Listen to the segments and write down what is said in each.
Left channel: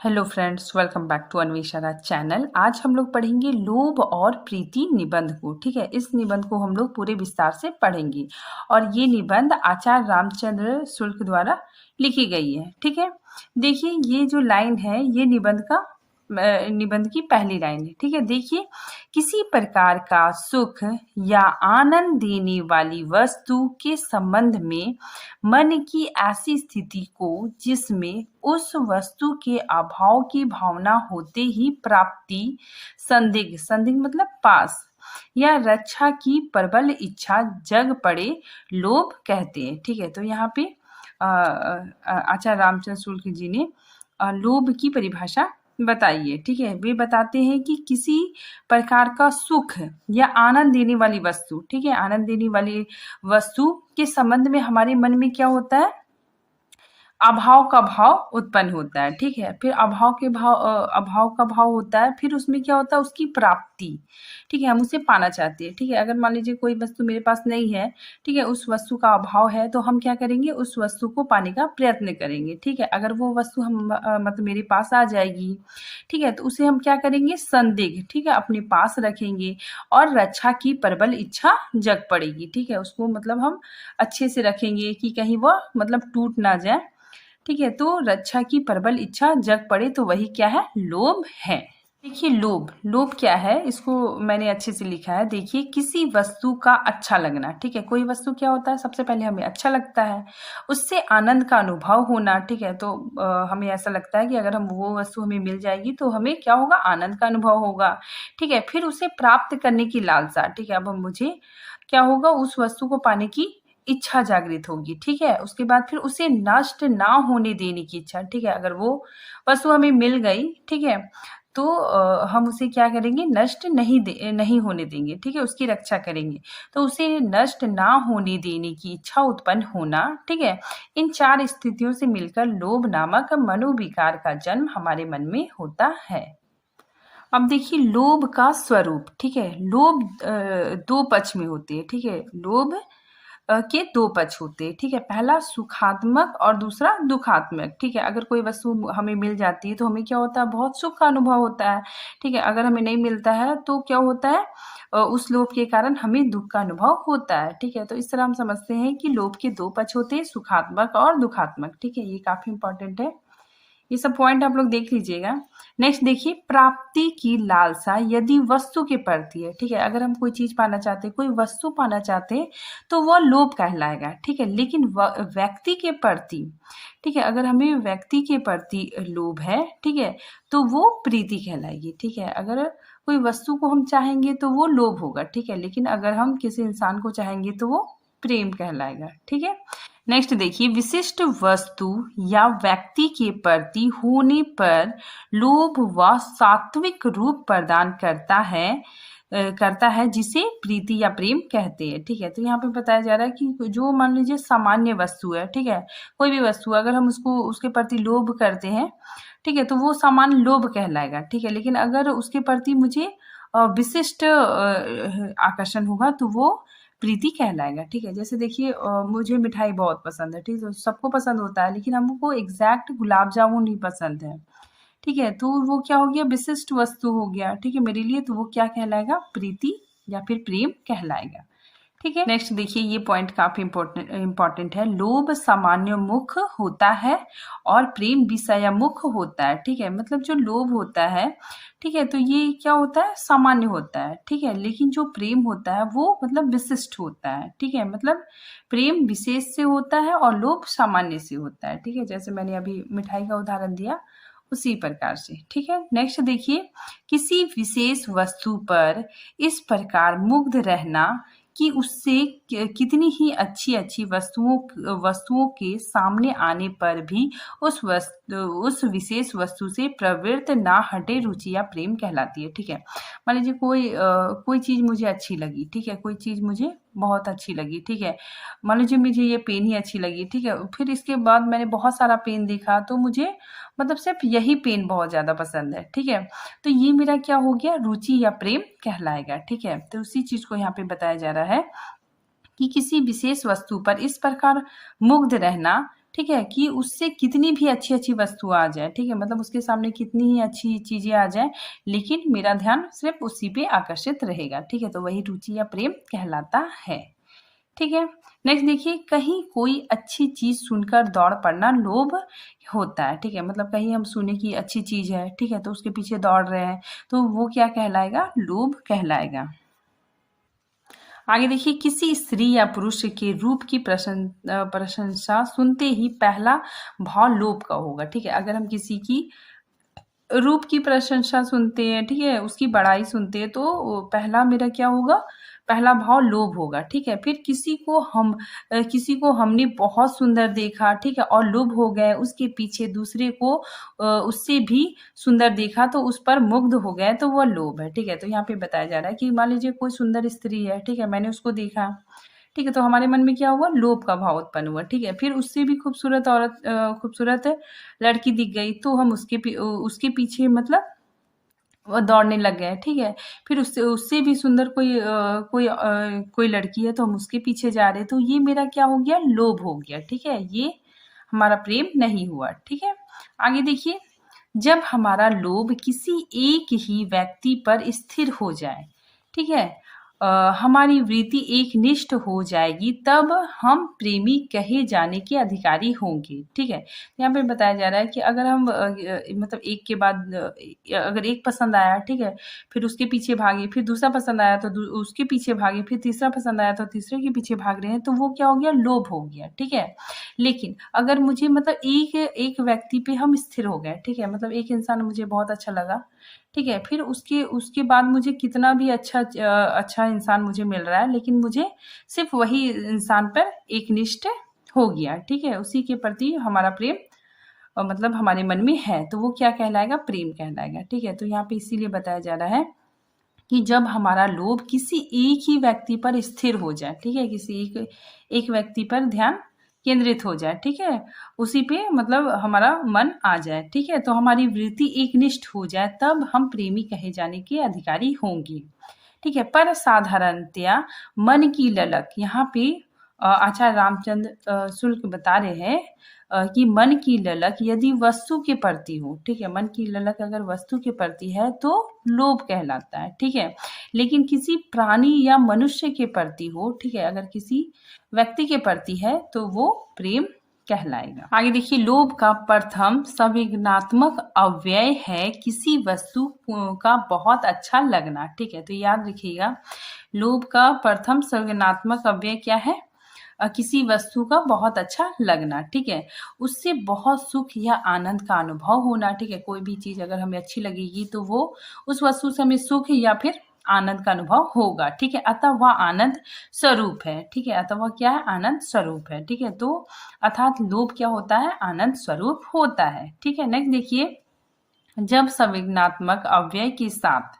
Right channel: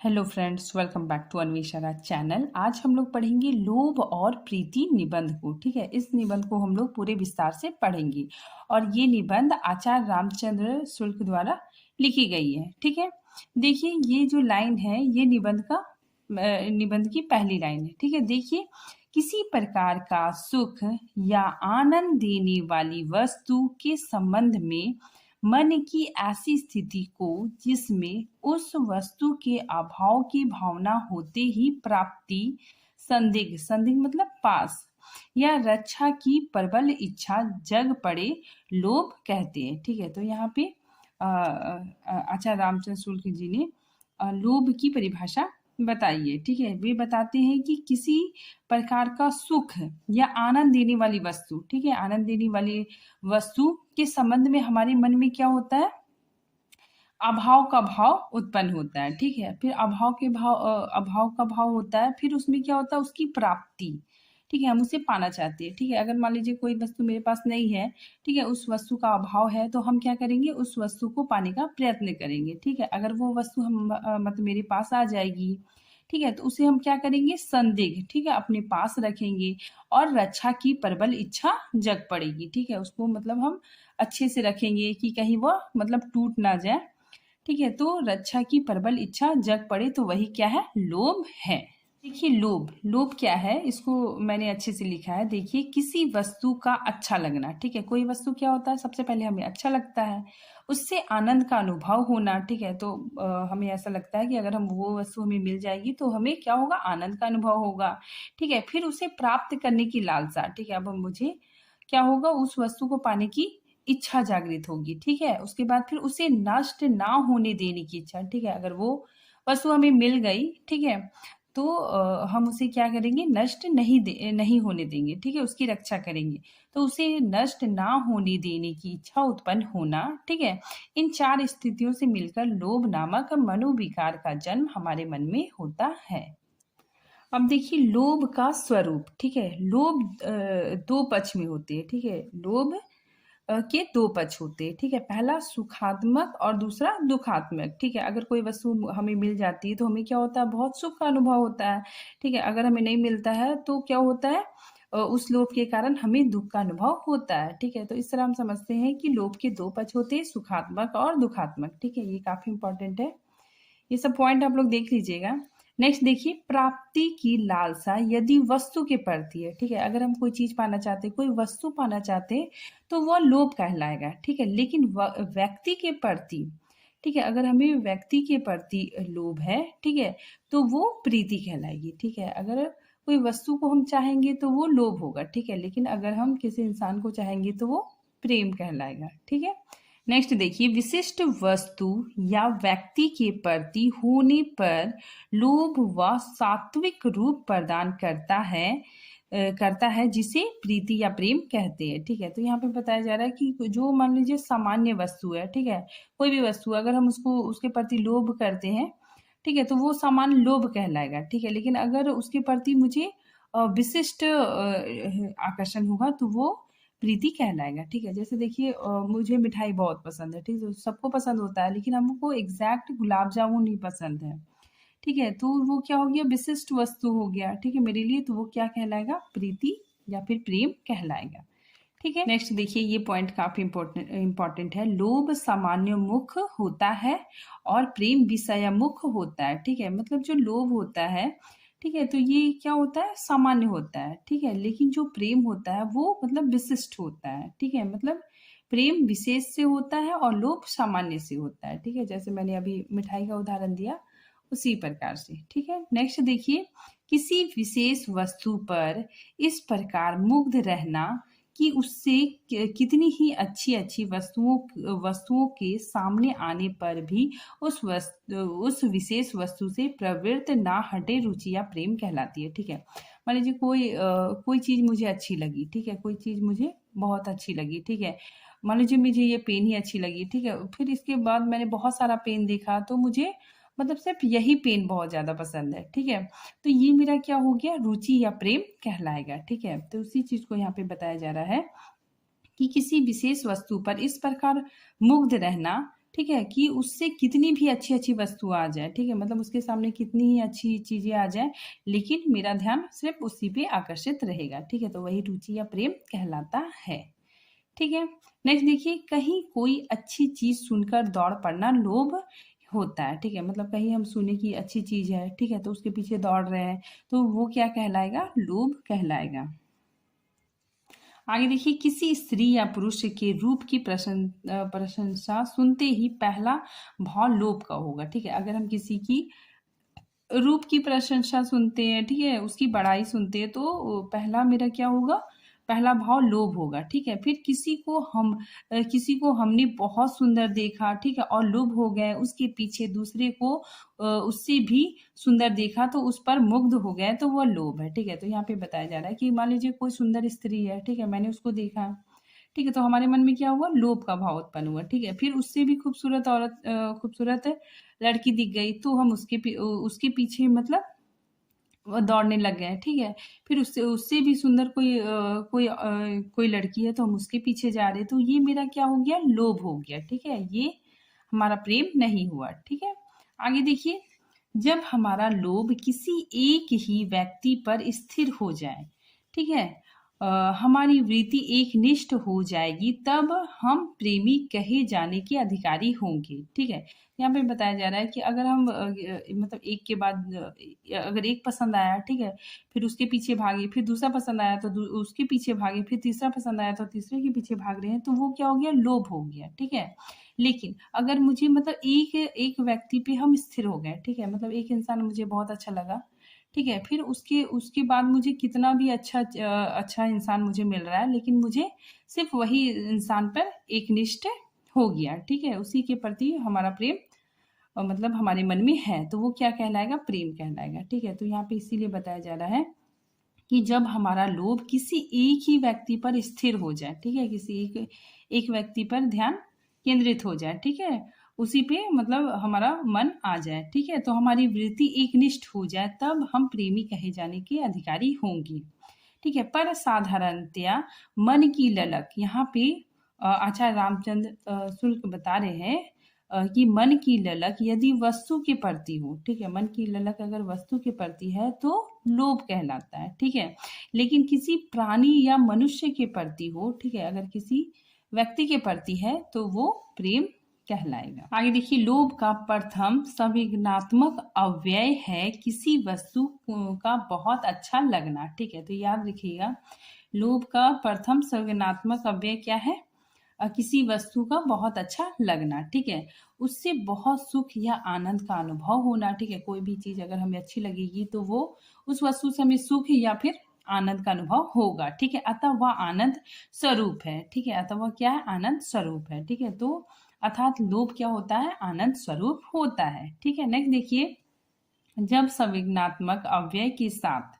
Hello friends, welcome back to Anvesha channel. आज हम लोग पढ़ेंगे लोभ और प्रीति निबंध को। ठीक है, इस निबंध को हम लोग पूरे विस्तार से पढ़ेंगे और ये निबंध आचार्य रामचंद्र शुक्ल द्वारा लिखी गई है। ठीक है, देखिए ये जो लाइन है ये निबंध की पहली लाइन है। ठीक है, देखिए किसी प्रकार का सुख या आनंद देने वाली वस्तु के संबंध में मन की ऐसी स्थिति को जिसमें उस वस्तु के अभाव की भावना होते ही प्राप्ति, संदिग्ध मतलब पास या रक्षा की प्रबल इच्छा जग पड़े लोभ कहते हैं। ठीक है, तो यहाँ पे आचार्य रामचंद्र शुक्ल जी ने लोभ की परिभाषा बताई है। ठीक है, वे बताते हैं कि किसी प्रकार का सुख या आनंद देने वाली वस्तु, ठीक है, आनंद देने वाली वस्तु के संबंध में हमारे मन में क्या होता है, अभाव का भाव उत्पन्न होता है। ठीक है, फिर अभाव का भाव होता है, फिर उसमें क्या होता है, उसकी प्राप्ति। ठीक है, हम उसे पाना चाहते हैं। ठीक है, अगर मान लीजिए कोई वस्तु मेरे पास नहीं है, ठीक है, उस वस्तु का अभाव है, तो हम क्या करेंगे, उस वस्तु को पाने का प्रयत्न करेंगे। ठीक है, अगर वो वस्तु हम मतलब मेरे पास आ जाएगी, ठीक है, तो उसे हम क्या करेंगे, संदिग्ध, ठीक है, अपने पास रखेंगे और रक्षा की प्रबल इच्छा जग पड़ेगी। ठीक है, उसको मतलब हम अच्छे से रखेंगे कि कहीं वह मतलब टूट ना जाए। ठीक है, तो रक्षा की प्रबल इच्छा जग पड़े, तो वही क्या है, लोभ है। देखिए लोभ क्या है, इसको मैंने अच्छे से लिखा है। देखिए किसी वस्तु का अच्छा लगना। ठीक है, कोई वस्तु क्या होता है, सबसे पहले हमें अच्छा लगता है, उससे आनंद का अनुभव होना। ठीक है, तो हमें ऐसा लगता है कि अगर हम वो वस्तु हमें मिल जाएगी तो हमें क्या होगा, आनंद का अनुभव होगा। ठीक है, फिर उसे प्राप्त करने की लालसा। ठीक है, अब मुझे क्या होगा, उस वस्तु को पाने की इच्छा जागृत होगी। ठीक है, उसके बाद फिर उसे नष्ट ना होने देने की इच्छा। ठीक है, अगर वो वस्तु हमें मिल गई, ठीक है, तो हम उसे क्या करेंगे, नष्ट नहीं होने देंगे। ठीक है, उसकी रक्षा करेंगे, तो उसे नष्ट ना होने देने की इच्छा उत्पन्न होना। ठीक है, इन चार स्थितियों से मिलकर लोभ नामक मनोविकार का जन्म हमारे मन में होता है। अब देखिए लोभ का स्वरूप। ठीक है, लोभ दो पक्ष में होते हैं। ठीक है, लोभ के दो पक्ष होते हैं। ठीक है, पहला सुखात्मक और दूसरा दुखात्मक। ठीक है, अगर कोई वस्तु हमें मिल जाती है तो हमें क्या होता है, बहुत सुख का अनुभव होता है। ठीक है, अगर हमें नहीं मिलता है तो क्या होता है, उस लोभ के कारण हमें दुख का अनुभव होता है। ठीक है, तो इस तरह हम समझते हैं कि लोभ के दो पक्ष होते हैं, सुखात्मक और दुखात्मक। ठीक है, ये काफी इंपॉर्टेंट है, ये सब पॉइंट आप लोग देख लीजिएगा। नेक्स्ट देखिए, प्राप्ति की लालसा यदि वस्तु के प्रति है। ठीक है, अगर हम कोई चीज पाना चाहते हैं, कोई वस्तु पाना चाहते हैं, तो वह लोभ कहलाएगा। ठीक है, लेकिन व्यक्ति के प्रति, ठीक है, अगर हमें व्यक्ति के प्रति लोभ है, ठीक है, तो वो प्रीति कहलाएगी। ठीक है, अगर कोई वस्तु को हम चाहेंगे तो वो लोभ होगा। ठीक है, लेकिन अगर हम किसी इंसान को चाहेंगे तो वो प्रेम कहलाएगा। ठीक है, नेक्स्ट देखिए, विशिष्ट वस्तु या व्यक्ति के प्रति होने पर लोभ व सात्विक रूप प्रदान करता है जिसे प्रीति या प्रेम कहते हैं। ठीक है, तो यहाँ पे बताया जा रहा है कि जो मान लीजिए सामान्य वस्तु है, ठीक है, कोई भी वस्तु अगर हम उसके प्रति लोभ करते हैं, ठीक है, तो वो सामान्य लोभ कहलाएगा। ठीक है, लेकिन अगर उसके प्रति मुझे विशिष्ट आकर्षण होगा तो वो प्रीति कहलाएगा। ठीक है, जैसे देखिए मुझे मिठाई बहुत पसंद है। ठीक है, सबको पसंद होता है, लेकिन हमको एग्जैक्ट गुलाब जामुन नहीं पसंद है। ठीक है, तो वो क्या हो गया, विशिष्ट वस्तु हो गया। ठीक है, मेरे लिए तो वो क्या कहलाएगा, प्रीति या फिर प्रेम कहलाएगा। ठीक है, नेक्स्ट देखिए, ये पॉइंट काफी इंपॉर्टेंट है। लोभ सामान्य मुख होता है और प्रेम विषयमुख होता है। ठीक है, मतलब जो लोभ होता है, ठीक है, तो ये क्या होता है, सामान्य होता है। ठीक है, लेकिन जो प्रेम होता है वो मतलब विशिष्ट होता है। ठीक है, मतलब प्रेम विशेष से होता है और लोभ सामान्य से होता है। ठीक है, जैसे मैंने अभी मिठाई का उदाहरण दिया उसी प्रकार से। ठीक है, नेक्स्ट देखिए, किसी विशेष वस्तु पर इस प्रकार मुग्ध रहना कि उससे कितनी ही अच्छी अच्छी वस्तुओं के सामने आने पर भी उस विशेष वस्तु से प्रवृत्त ना हटे रुचि या प्रेम कहलाती है। ठीक है, मान लीजिए कोई चीज मुझे अच्छी लगी। ठीक है, कोई चीज मुझे बहुत अच्छी लगी। ठीक है, मान लीजिए मुझे ये पेन ही अच्छी लगी। ठीक है, फिर इसके बाद मैंने बहुत सारा पेन देखा तो मुझे मतलब सिर्फ यही पेन बहुत ज्यादा पसंद है। ठीक है, तो ये मेरा क्या हो गया, रुचि या प्रेम कहलाएगा। ठीक है, तो उसी चीज को यहाँ पे बताया जा रहा है कि किसी विशेष वस्तु पर इस प्रकार मुग्ध रहना ठीक है, कि उससे कितनी भी अच्छी-अच्छी वस्तु आ जाए, ठीक है, मतलब उसके सामने कितनी ही अच्छी चीज़ें आ जाएँ, लेकिन मेरा ध्यान सिर्फ़ उसी पे आकर्षित रहेगा, ठीक है, तो वही रुचि या प्रेम कहलाता है। ठीक है। नेक्स्ट देखिए, कहीं कोई अच्छी चीज़ सुनकर दौड़ पड़ना लोभ होता है, ठीक है, मतलब कहीं हम सुने कि अच्छी चीज़ है, ठीक है, तो उसके पीछे दौड़ रहे हैं, तो वो क्या कहलाएगा? लोभ कहलाएगा। आगे देखिए, किसी स्त्री या पुरुष के रूप की प्रशंसा सुनते ही पहला भाव लोभ का होगा, ठीक है, अगर हम किसी की रूप की प्रशंसा सुनते हैं, ठीक है, उसकी बड़ाई सुनते हैं, तो पहला मेरा क्या होगा? पहला भाव लोभ होगा, ठीक है। फिर किसी को हमने बहुत सुंदर देखा, ठीक है, और लुभ हो गए, उसके पीछे दूसरे को उससे भी सुंदर देखा, तो उस पर मुग्ध हो गए, तो वह लोभ है, ठीक है। तो यहाँ पे बताया जा रहा है कि मान लीजिए कोई सुंदर स्त्री है, ठीक है, मैंने उसको देखा, ठीक है, तो हमारे मन में क्या हुआ? लोभ का भाव उत्पन्न हुआ, ठीक है। फिर उससे भी खूबसूरत लड़की दिख गई, तो हम उसके पीछे मतलब वो दौड़ने लग गए, ठीक है। फिर उससे उससे भी सुंदर कोई लड़की है, तो हम उसके पीछे जा रहे हैं, तो ये मेरा क्या हो गया? लोभ हो गया, ठीक है। ये हमारा प्रेम नहीं हुआ, ठीक है। आगे देखिए, जब हमारा लोभ किसी एक ही व्यक्ति पर स्थिर हो जाए, ठीक है, हमारी वृत्ति एकनिष्ठ हो जाएगी, तब हम प्रेमी कहे जाने के अधिकारी होंगे, ठीक है। यहाँ पे बताया जा रहा है कि अगर हम मतलब एक के बाद अगर एक पसंद आया, ठीक है, फिर उसके पीछे भागे, फिर दूसरा पसंद आया तो उसके पीछे भागे, फिर तीसरा पसंद आया तो तीसरे के पीछे भाग रहे हैं, तो वो क्या हो गया? लोभ हो गया, ठीक है। लेकिन अगर मुझे मतलब एक एक व्यक्ति पे हम स्थिर हो गए, ठीक है, मतलब एक इंसान मुझे बहुत अच्छा लगा, ठीक है, फिर उसके उसके बाद मुझे कितना भी अच्छा इंसान मुझे मिल रहा है, लेकिन मुझे सिर्फ वही इंसान पर एकनिष्ठ हो गया, ठीक है, उसी के प्रति हमारा प्रेम मतलब हमारे मन में है, तो वो क्या कहलाएगा? प्रेम कहलाएगा, ठीक है। तो यहाँ पे इसीलिए बताया जा रहा है कि जब हमारा लोभ किसी एक ही व्यक्ति पर स्थिर हो जाए, ठीक है, किसी एक एक व्यक्ति पर ध्यान केंद्रित हो जाए, ठीक है, उसी पे मतलब हमारा मन आ जाए, ठीक है, तो हमारी वृत्ति एकनिष्ठ हो जाए, तब हम प्रेमी कहे जाने के अधिकारी होंगे, ठीक है। पर साधारणतया मन की ललक, यहाँ पे आचार्य रामचंद्र शुक्ल बता रहे हैं कि मन की ललक यदि वस्तु के प्रति हो, ठीक है, मन की ललक अगर वस्तु के प्रति है तो लोभ कहलाता है, ठीक है। लेकिन किसी प्राणी या मनुष्य के प्रति हो, ठीक है, अगर किसी व्यक्ति के प्रति है तो वो प्रेम कहलाएगा। आगे देखिए, लोभ का प्रथम संवेदनात्मक अव्यय है किसी वस्तु का बहुत अच्छा लगना, ठीक है, तो याद रखिएगा, लोभ का प्रथम संवेदनात्मक अव्यय क्या है? किसी वस्तु का बहुत अच्छा लगना, ठीक है, उससे बहुत सुख या आनंद का अनुभव होना, ठीक है, कोई भी चीज़ अगर हमें अच्छी लगेगी तो वो उस वस्तु से हमें सुख या फिर आनंद का अनुभव होगा, ठीक है, अतः वह आनंद स्वरूप है, ठीक है, अतः वह क्या है? आनंद स्वरूप है, ठीक है, तो अर्थात लोभ क्या होता है? आनंद स्वरूप होता है, ठीक है। नेक्स्ट देखिए, जब संवेदनात्मक अव्यय के साथ,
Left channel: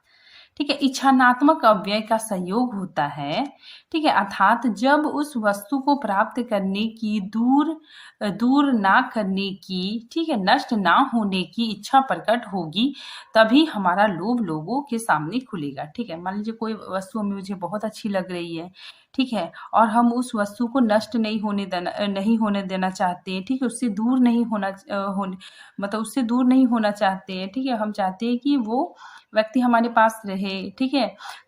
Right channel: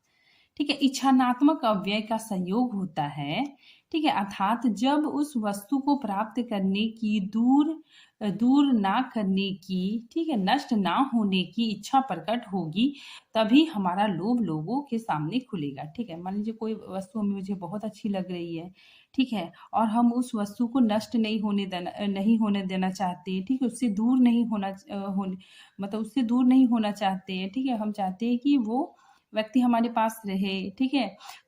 ठीक है, इच्छानात्मक अव्यय का संयोग होता है, ठीक है, अर्थात जब उस वस्तु को प्राप्त करने की दूर ना करने की, ठीक है, नष्ट ना होने की इच्छा प्रकट होगी, तभी हमारा लोभ लोगों के सामने खुलेगा, ठीक है। मान लीजिए कोई वस्तु हमें मुझे बहुत अच्छी लग रही है, ठीक है, और हम उस वस्तु को नष्ट नहीं होने देना चाहते हैं, ठीक है, उससे दूर नहीं मतलब उससे दूर नहीं होना चाहते हैं, ठीक है, हम चाहते हैं कि वो व्यक्ति हमारे पास रहे, ठीक है,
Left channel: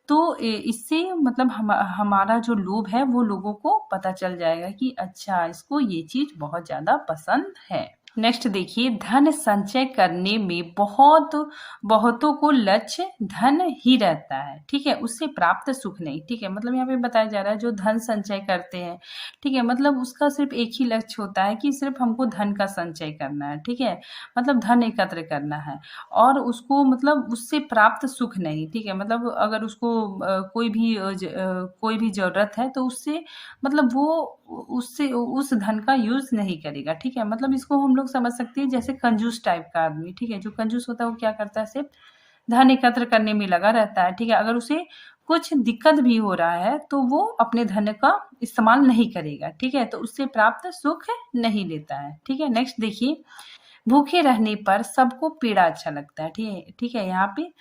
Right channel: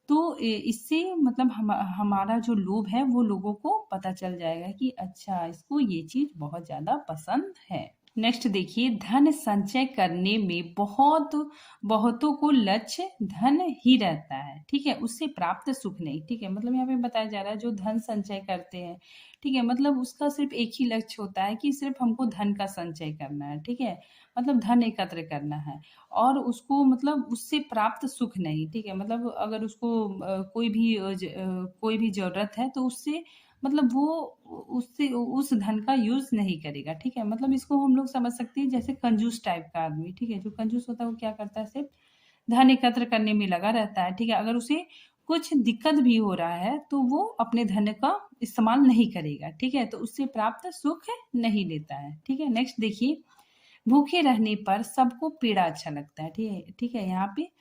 तो इससे मतलब हमारा जो लोभ है वो लोगों को पता चल जाएगा कि अच्छा, इसको ये चीज बहुत ज्यादा पसंद है। नेक्स्ट देखिए, धन संचय करने में बहुतों को लक्ष्य धन ही रहता है, ठीक है, उससे प्राप्त सुख नहीं, ठीक है, मतलब यहाँ पे बताया जा रहा है जो धन संचय करते हैं, ठीक है, मतलब उसका सिर्फ एक ही लक्ष्य होता है कि सिर्फ हमको धन का संचय करना है, ठीक है, मतलब धन एकत्र करना है, और उसको मतलब उससे प्राप्त सुख नहीं, ठीक है, मतलब अगर उसको कोई भी जरूरत है तो उससे मतलब वो उससे उस धन का यूज नहीं करेगा, ठीक है, मतलब इसको हम लोग समझ सकते हैं जैसे कंजूस टाइप का आदमी, ठीक है, जो कंजूस होता है वो क्या करता है? सिर्फ धन एकत्र करने में लगा रहता है, ठीक है, अगर उसे कुछ दिक्कत भी हो रहा है तो वो अपने धन का इस्तेमाल नहीं करेगा, ठीक है, तो उससे प्राप्त सुख नहीं लेता है, ठीक है। नेक्स्ट देखिए, भूखे रहने पर सबको पीड़ा अच्छा लगता है, ठीक है, ठीक है, यहाँ पे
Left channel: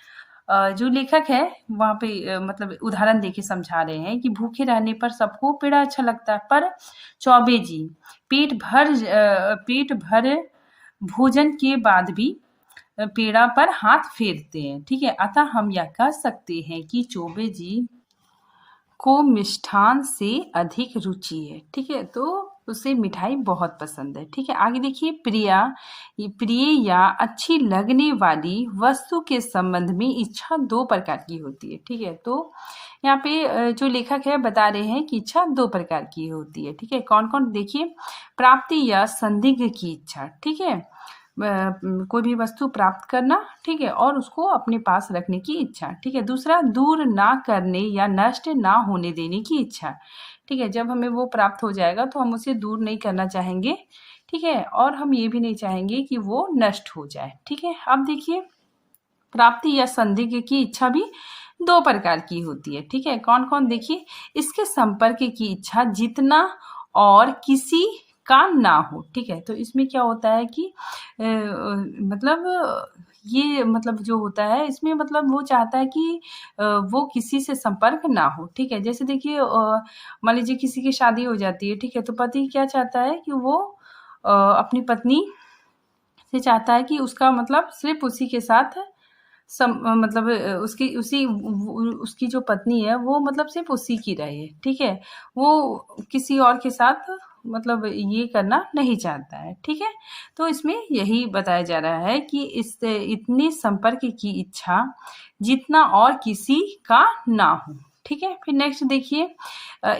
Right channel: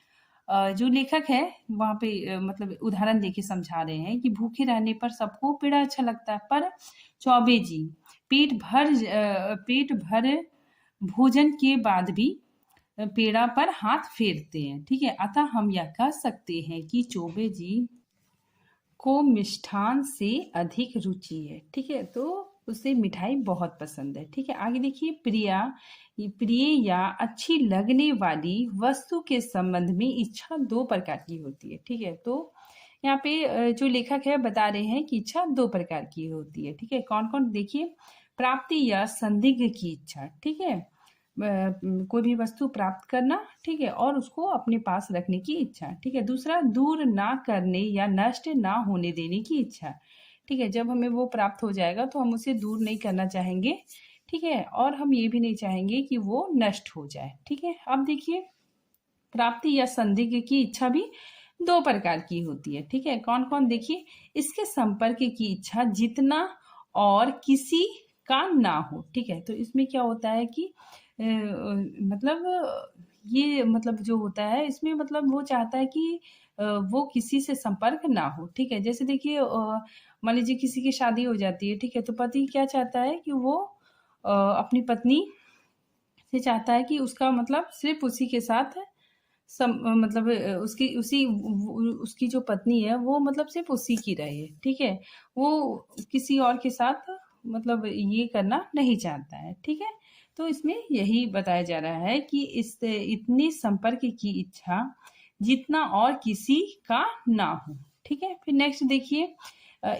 जो लेखक है वहाँ पे मतलब उदाहरण देके समझा रहे हैं कि भूखे रहने पर सबको पेड़ा अच्छा लगता है, पर चौबे जी पेट भर भोजन के बाद भी पेड़ा पर हाथ फेरते हैं। ठीक है, अतः हम यह कह सकते हैं कि चौबे जी को मिष्ठान से अधिक रुचि है। ठीक है, तो उसे मिठाई बहुत पसंद है। ठीक है, आगे देखिए, प्रिय या अच्छी लगने वाली वस्तु के संबंध में इच्छा दो प्रकार की होती है। ठीक है, तो यहाँ पे जो लेखक है बता रहे हैं कि इच्छा दो प्रकार की होती है। ठीक है, कौन कौन, देखिए, प्राप्ति या संदिग्ध की इच्छा। ठीक है, कोई भी वस्तु प्राप्त करना, ठीक है, और उसको अपने पास रखने की इच्छा। ठीक है, दूसरा दूर ना करने या नष्ट ना होने देने की इच्छा। ठीक है, जब हमें वो प्राप्त हो जाएगा तो हम उसे दूर नहीं करना चाहेंगे। ठीक है, और हम ये भी नहीं चाहेंगे कि वो नष्ट हो जाए। ठीक है, अब देखिए, प्राप्ति या संदिग्ध की इच्छा भी दो प्रकार की होती है। ठीक है, कौन कौन, देखिए, इसके संपर्क की इच्छा जितना और किसी का ना हो। ठीक है, तो इसमें क्या होता है कि मतलब ये मतलब जो होता है इसमें मतलब वो चाहता है कि वो किसी से संपर्क ना हो। ठीक है, जैसे देखिए, मान लीजिए किसी की शादी हो जाती है। ठीक है, तो पति क्या चाहता है कि वो अपनी पत्नी से चाहता है कि उसका मतलब सिर्फ उसी के साथ मतलब उसकी जो पत्नी है वो मतलब सिर्फ उसी की रहे। ठीक है, वो किसी और के साथ मतलब ये करना नहीं चाहता है। ठीक है, तो इसमें यही बताया जा रहा है कि इतने संपर्क की इच्छा जितना और किसी का ना हो। ठीक है, फिर नेक्स्ट देखिए,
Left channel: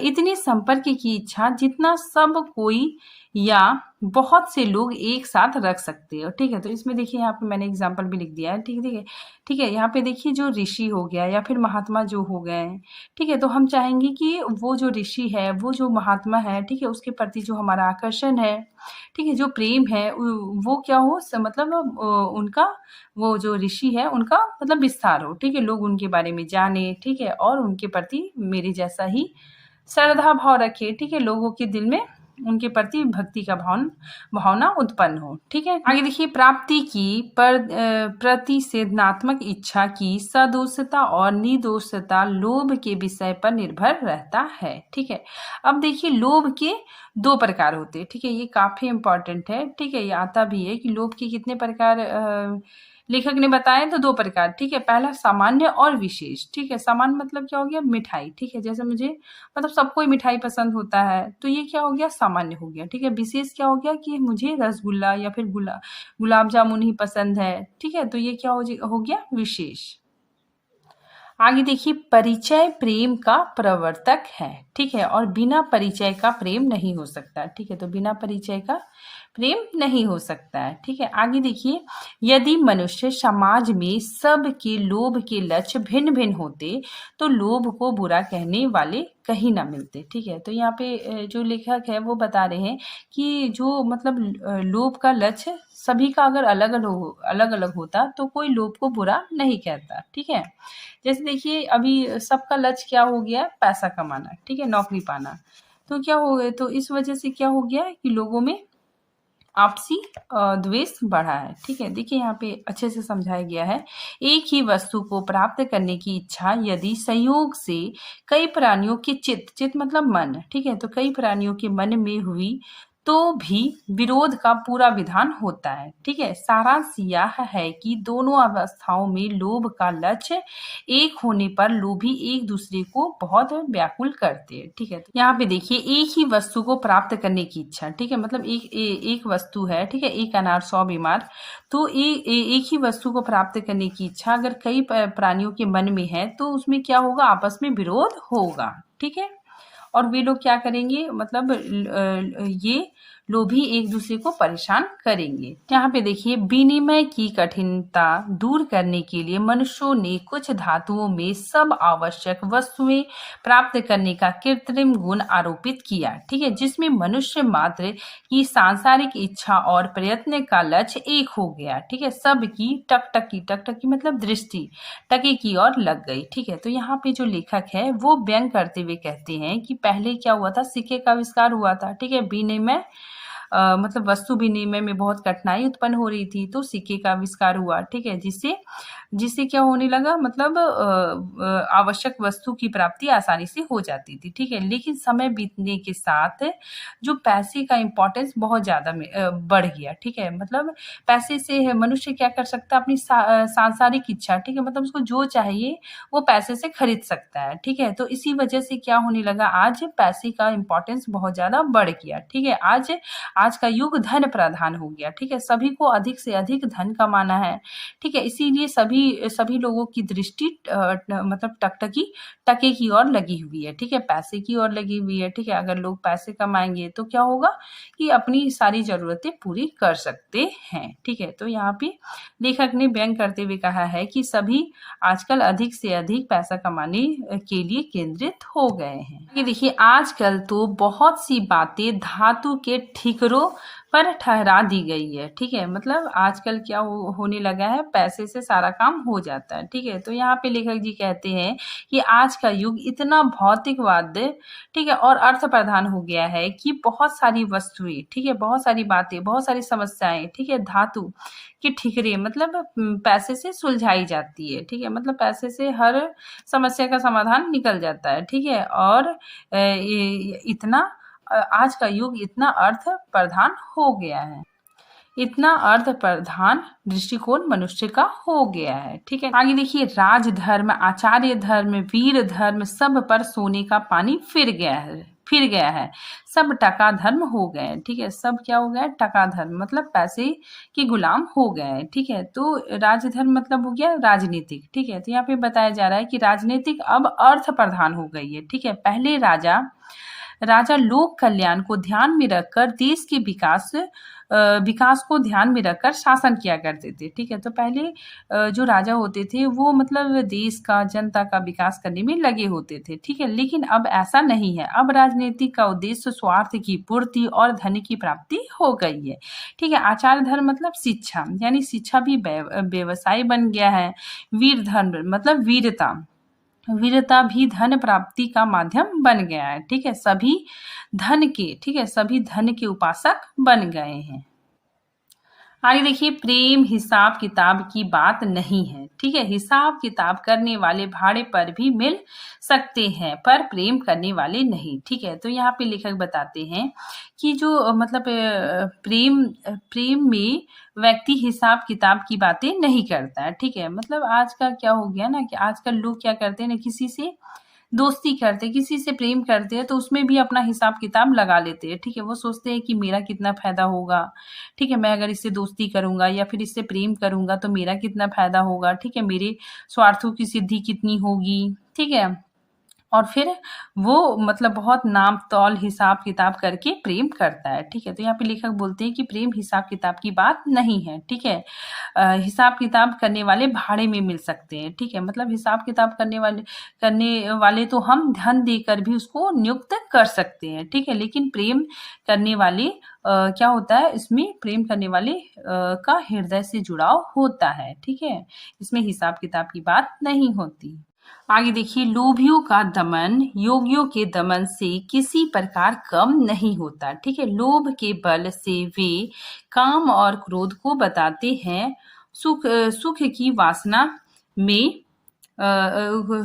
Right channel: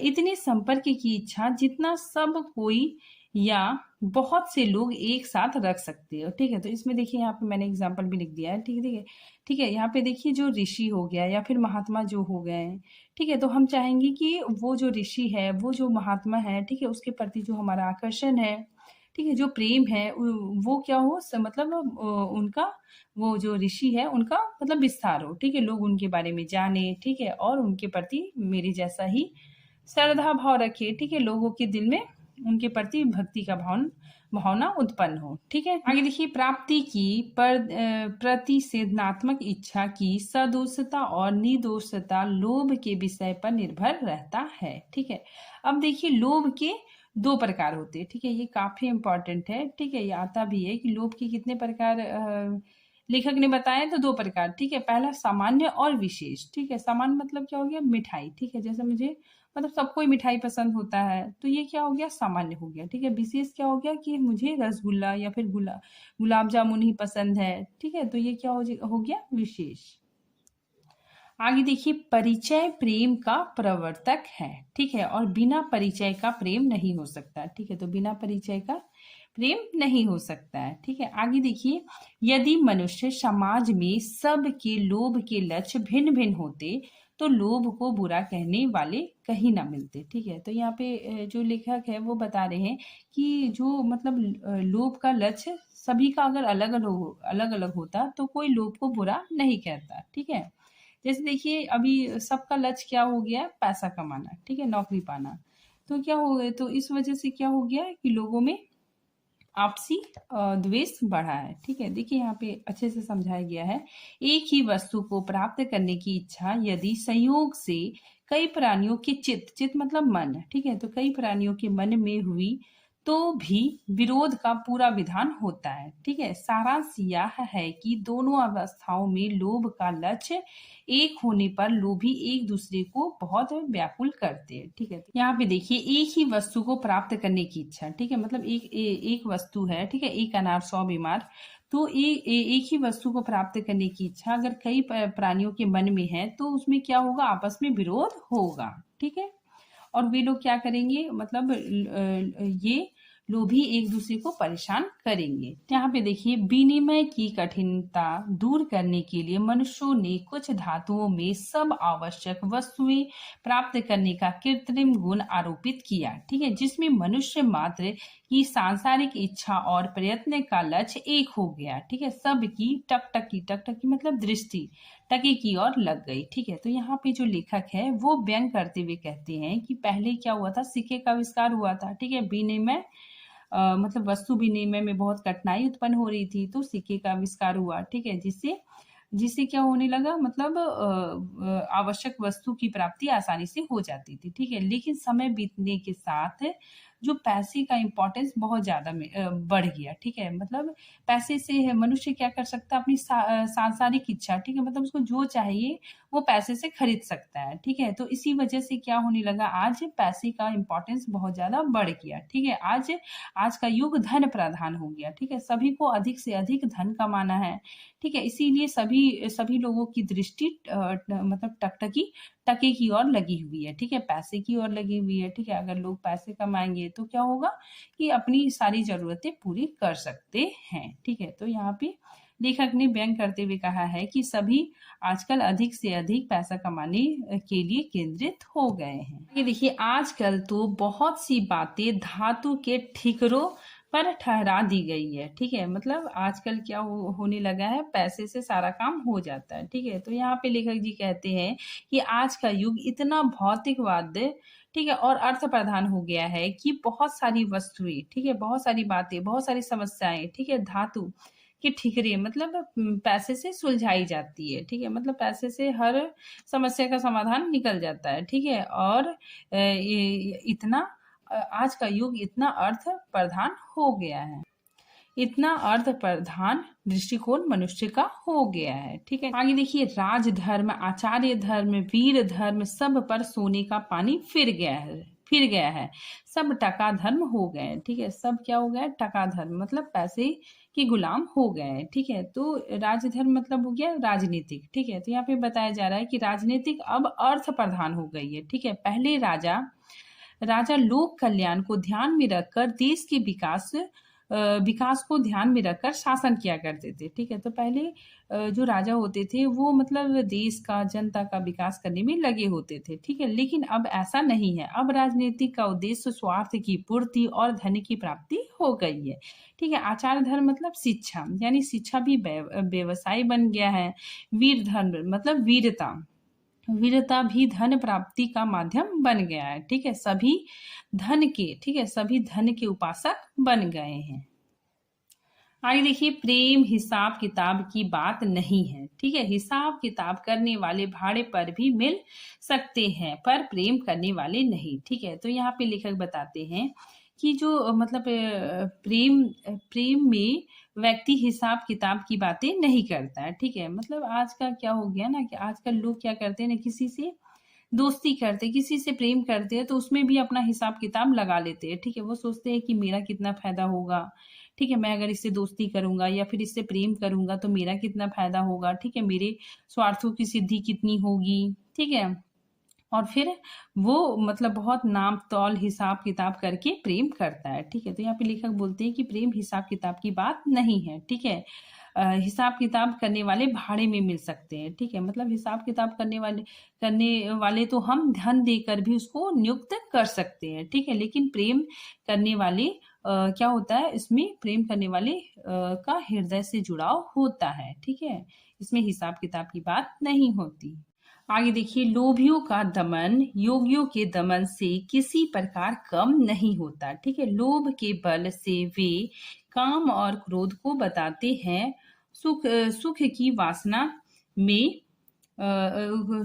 इतनी संपर्क की इच्छा जितना सब कोई या बहुत से लोग एक साथ रख सकते हैं। ठीक है, तो इसमें देखिए, यहाँ पे मैंने एग्जाम्पल भी लिख दिया है। ठीक है, ठीक है, यहाँ पे देखिए, जो ऋषि हो गया या फिर महात्मा जो हो गए, ठीक है, तो हम चाहेंगे कि वो जो ऋषि है, वो जो महात्मा है, ठीक है, उसके प्रति जो हमारा आकर्षण है, ठीक है, जो प्रेम है, वो क्या हो, मतलब उनका, वो जो ऋषि है उनका मतलब विस्तार हो। ठीक है, लोग उनके बारे में जाने। ठीक है, और उनके प्रति मेरे जैसा ही श्रद्धा भाव रखे। ठीक है, लोगों के दिल में उनके प्रति भक्ति का भावना उत्पन्न हो। ठीक है, आगे देखिए, प्राप्ति की प्रतिषेधात्मक इच्छा की सदोषता और निर्दोषता लोभ के विषय पर निर्भर रहता है। ठीक है, अब देखिए, लोभ के दो प्रकार होते हैं। ठीक है, ये काफी इंपॉर्टेंट है। ठीक है, ये आता भी है कि लोभ के कितने प्रकार लेखक ने बताए, तो दो प्रकार। ठीक है, पहला सामान्य और विशेष। ठीक है, सामान्य मतलब क्या हो गया, मिठाई। ठीक है, जैसे मुझे मतलब सबको ही मिठाई पसंद होता है, तो ये क्या हो गया, सामान्य हो गया। ठीक है, विशेष क्या हो गया कि मुझे रसगुल्ला या फिर गुलाब जामुन ही पसंद है। ठीक है, तो ये क्या हो गया, विशेष। आगे देखिए, परिचय प्रेम का प्रवर्तक है। ठीक है, और बिना परिचय का प्रेम नहीं हो सकता। ठीक है, तो बिना परिचय का प्रेम नहीं हो सकता है। ठीक है, आगे देखिए, यदि मनुष्य समाज में सबके लोभ के लक्ष्य भिन्न भिन्न होते तो लोभ को बुरा कहने वाले कहीं ना मिलते। ठीक है, तो यहाँ पे जो लेखक है वो बता रहे हैं कि जो मतलब लोभ का लक्ष्य सभी का अगर अलग अलग होता तो कोई लोभ को बुरा नहीं कहता। ठीक है, जैसे देखिए, अभी सबका लक्ष्य क्या हो गया, पैसा कमाना। ठीक है, नौकरी पाना। तो क्या हो गया, तो इस वजह से क्या हो गया कि लोगों में आपसी द्वेष बढ़ा है। ठीक है, देखिए, यहाँ पे अच्छे से समझाया गया है, एक ही वस्तु को प्राप्त करने की इच्छा यदि संयोग से कई प्राणियों के चित्त मतलब मन, ठीक है, तो कई प्राणियों के मन में हुई तो भी विरोध का पूरा विधान होता है। ठीक है, सारांश यह है कि दोनों अवस्थाओं में लोभ का लक्ष्य एक होने पर लोभी एक दूसरे को बहुत व्याकुल करते हैं। ठीक है, तो यहाँ पे देखिए, एक ही वस्तु को प्राप्त करने की इच्छा। ठीक है, मतलब एक वस्तु है। ठीक है, एक अनार 100 बीमार, तो एक ही वस्तु को प्राप्त करने की इच्छा अगर कई प्राणियों के मन में है तो उसमें क्या होगा, आपस में विरोध होगा। ठीक है, और वे लोग क्या करेंगे, मतलब ये लोभी एक दूसरे को परेशान करेंगे। यहाँ पे देखिए, विनिमय की कठिनता दूर करने के लिए मनुष्यों ने कुछ धातुओं में सब आवश्यक वस्तुएं प्राप्त करने का कृत्रिम गुण आरोपित किया। ठीक है, जिसमें मनुष्य मात्र की सांसारिक इच्छा और प्रयत्न का लक्ष्य एक हो गया। ठीक है, सबकी टकटकी मतलब दृष्टि टके की ओर लग गई। ठीक है, तो यहाँ पे जो लेखक है वो व्यंग करते हुए कहते हैं कि पहले क्या हुआ था, सिक्के का आविष्कार हुआ था। ठीक है, विनिमय मतलब वस्तु विनिमय में बहुत कठिनाई उत्पन्न हो रही थी, तो सिक्के का आविष्कार हुआ, ठीक है? जिससे जिससे क्या होने लगा, मतलब आवश्यक वस्तु की प्राप्ति आसानी से हो जाती थी, ठीक है? लेकिन समय बीतने के साथ जो पैसे का इम्पोर्टेंस बहुत ज़्यादा बढ़ गया, ठीक है? मतलब पैसे से मनुष्य क्या कर सकता है, अपनी सांसारिक इच्छा, ठीक है? मतलब उसको जो चाहिए वो पैसे से खरीद सकता है, ठीक है? तो इसी वजह से क्या होने लगा, आज पैसे का इम्पोर्टेंस बहुत ज़्यादा बढ़ गया, ठीक है? आज आज का युग धन प्रधान हो गया, ठीक है? सभी को अधिक से अधिक धन कमाना है, ठीक है? इसीलिए सभी सभी लोगों की दृष्टि मतलब टकटकी टके की ओर लगी हुई है, ठीक है? पैसे की ओर लगी हुई है, ठीक है? अगर लोग पैसे कमाएँगे तो क्या होगा कि अपनी सारी ज़रूरतें पूरी कर सकते हैं, ठीक है? तो यहाँ पे लेखक ने व्यंग करते हुए कहा है कि सभी आजकल अधिक से अधिक पैसा कमाने के लिए केंद्रित हो गए हैं। ये देखिए, आजकल तो बहुत सी बातें धातु के ठिकरों पर ठहरा दी गई है, ठीक है? मतलब आजकल क्या होने लगा है, पैसे से सारा काम हो जाता है, ठीक है? तो यहाँ पे लेखक जी कहते हैं कि आज का युग इतना भौतिकवाद, ठीक है, और अर्थ प्रधान हो गया है कि बहुत सारी वस्तुएं, ठीक है, बहुत सारी बातें, बहुत सारी समस्याएं, ठीक है, धातु के ठिकरे मतलब पैसे से सुलझाई जाती है, ठीक है? मतलब पैसे से हर समस्या का समाधान निकल जाता है, ठीक है? और इतना आज का युग इतना अर्थ प्रधान हो गया है, इतना अर्थ प्रधान दृष्टिकोण मनुष्य का हो गया है, ठीक है? आगे देखिए, राजधर्म, आचार्य धर्म, वीर धर्म सब पर सोने का पानी फिर गया है, सब टका धर्म हो गए हैं, ठीक है? सब क्या हो गया है, टका धर्म, मतलब पैसे के गुलाम हो गए हैं, ठीक है? तो राजधर्म मतलब हो गया राजनीतिक, ठीक है? तो यहाँ पे बताया जा रहा है कि राजनीतिक अब अर्थ प्रधान हो गई है, ठीक है? पहले राजा लोक कल्याण को ध्यान में रखकर देश के विकास को ध्यान में रखकर शासन किया करते थे, ठीक है? तो पहले जो राजा होते थे वो मतलब देश का, जनता का विकास करने में लगे होते थे, ठीक है? लेकिन अब ऐसा नहीं है, अब राजनीति का उद्देश्य स्वार्थ की पूर्ति और धन की प्राप्ति हो गई है, ठीक है? आचार धर्म मतलब शिक्षा, यानी शिक्षा भी व्यवसाय बन गया है। वीर धर्म मतलब वीरता भी धन प्राप्ति का माध्यम बन गया है, ठीक है? सभी धन के उपासक बन गए हैं। आगे देखिए, प्रेम हिसाब किताब की बात नहीं है, ठीक है? हिसाब किताब करने वाले भाड़े पर भी मिल सकते हैं, पर प्रेम करने वाले नहीं, ठीक है? तो यहाँ पे लेखक बताते हैं कि जो मतलब प्रेम में व्यक्ति हिसाब किताब की बातें नहीं करता है, ठीक है? मतलब आज का क्या हो गया ना कि आजकल लोग क्या करते हैं ना, किसी से दोस्ती करते हैं, किसी से प्रेम करते हैं तो उसमें भी अपना हिसाब किताब लगा लेते हैं, ठीक है? वो सोचते हैं कि मेरा कितना फायदा होगा, ठीक है? मैं अगर इससे दोस्ती करूंगा या फिर इससे प्रेम करूंगा तो मेरा कितना फायदा होगा, ठीक है? मेरे स्वार्थों की सिद्धि कितनी होगी, ठीक है? और फिर वो मतलब बहुत नाप तौल हिसाब किताब करके प्रेम करता है, ठीक है? तो यहाँ पे लेखक बोलते हैं कि प्रेम हिसाब किताब की बात नहीं है, ठीक है? हिसाब किताब करने वाले भाड़े में मिल सकते हैं, ठीक है? मतलब हिसाब किताब करने वाले तो हम धन देकर भी उसको नियुक्त कर सकते हैं, ठीक है? लेकिन प्रेम करने वाले क्या होता है, इसमें प्रेम करने वाले का हृदय से जुड़ाव होता है, ठीक है? इसमें हिसाब किताब की बात नहीं होती। आगे देखिए, लोभियों का दमन योगियों के दमन से किसी प्रकार कम नहीं होता, ठीक है? लोभ के बल से वे काम और क्रोध को बताते हैं, सुख की वासना में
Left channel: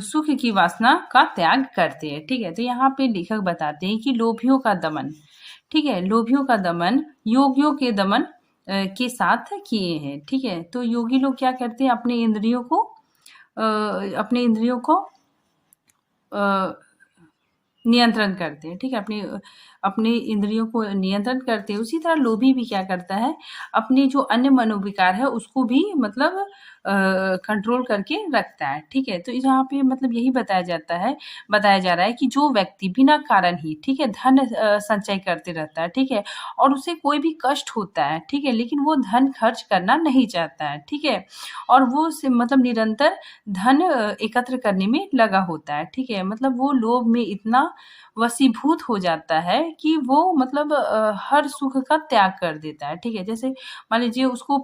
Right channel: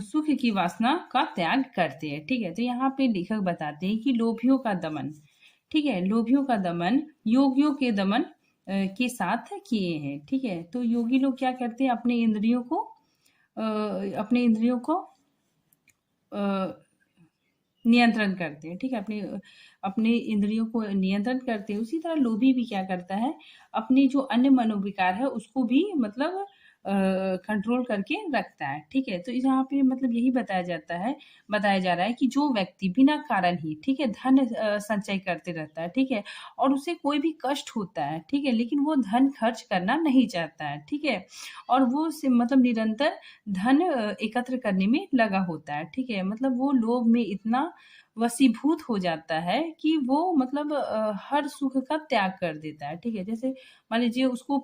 सुख की वासना का त्याग करते हैं, ठीक है? तो यहाँ पे लेखक बताते हैं कि लोभियों का दमन, ठीक है? लोभियों का दमन योगियों के दमन के साथ किए हैं, ठीक है? तो योगी लोग क्या करते हैं, अपने इंद्रियों को नियंत्रण करते हैं, ठीक है? अपने इंद्रियों को नियंत्रण करते हैं। उसी तरह लोभी भी क्या करता है, अपने जो अन्य मनोविकार है उसको भी मतलब कंट्रोल करके रखता है, ठीक है? तो यहाँ पे मतलब यही बताया जा रहा है कि जो व्यक्ति बिना कारण ही, ठीक है, धन संचय करते रहता है, ठीक है, और उसे कोई भी कष्ट होता है, ठीक है, लेकिन वो धन खर्च करना नहीं चाहता है, ठीक है, और वो मतलब निरंतर धन एकत्र करने में लगा होता है, ठीक है? मतलब वो लोभ में इतना वशीभूत हो जाता है कि वो मतलब हर सुख का त्याग कर देता है, ठीक है? जैसे मान लीजिए उसको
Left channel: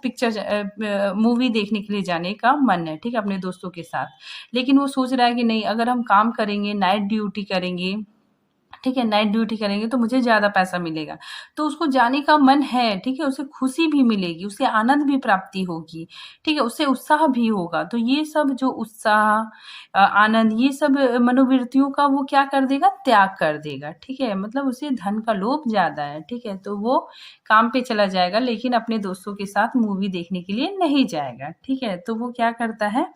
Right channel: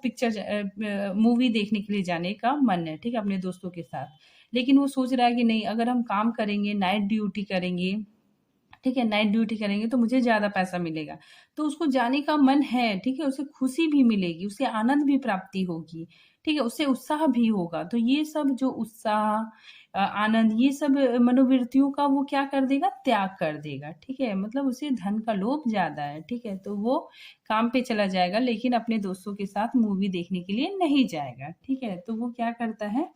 मूवी देखने के लिए जाने का मन है, ठीक है, अपने दोस्तों के साथ, लेकिन वो सोच रहा है कि नहीं, अगर हम काम करेंगे, नाइट ड्यूटी करेंगे, ठीक है, नाइट ड्यूटी करेंगे तो मुझे ज़्यादा पैसा मिलेगा। तो उसको जाने का मन है, ठीक है, उसे खुशी भी मिलेगी, उसे आनंद भी प्राप्ति होगी, ठीक है, उसे उत्साह भी होगा। तो ये सब जो उत्साह आनंद ये सब मनोवृत्तियों का वो क्या कर देगा? त्याग कर देगा, ठीक है। मतलब उसे धन का लोभ ज़्यादा है, ठीक है, तो वो काम पे चला जाएगा लेकिन अपने दोस्तों के साथ मूवी देखने के लिए नहीं जाएगा, ठीक है। तो वो क्या करता है?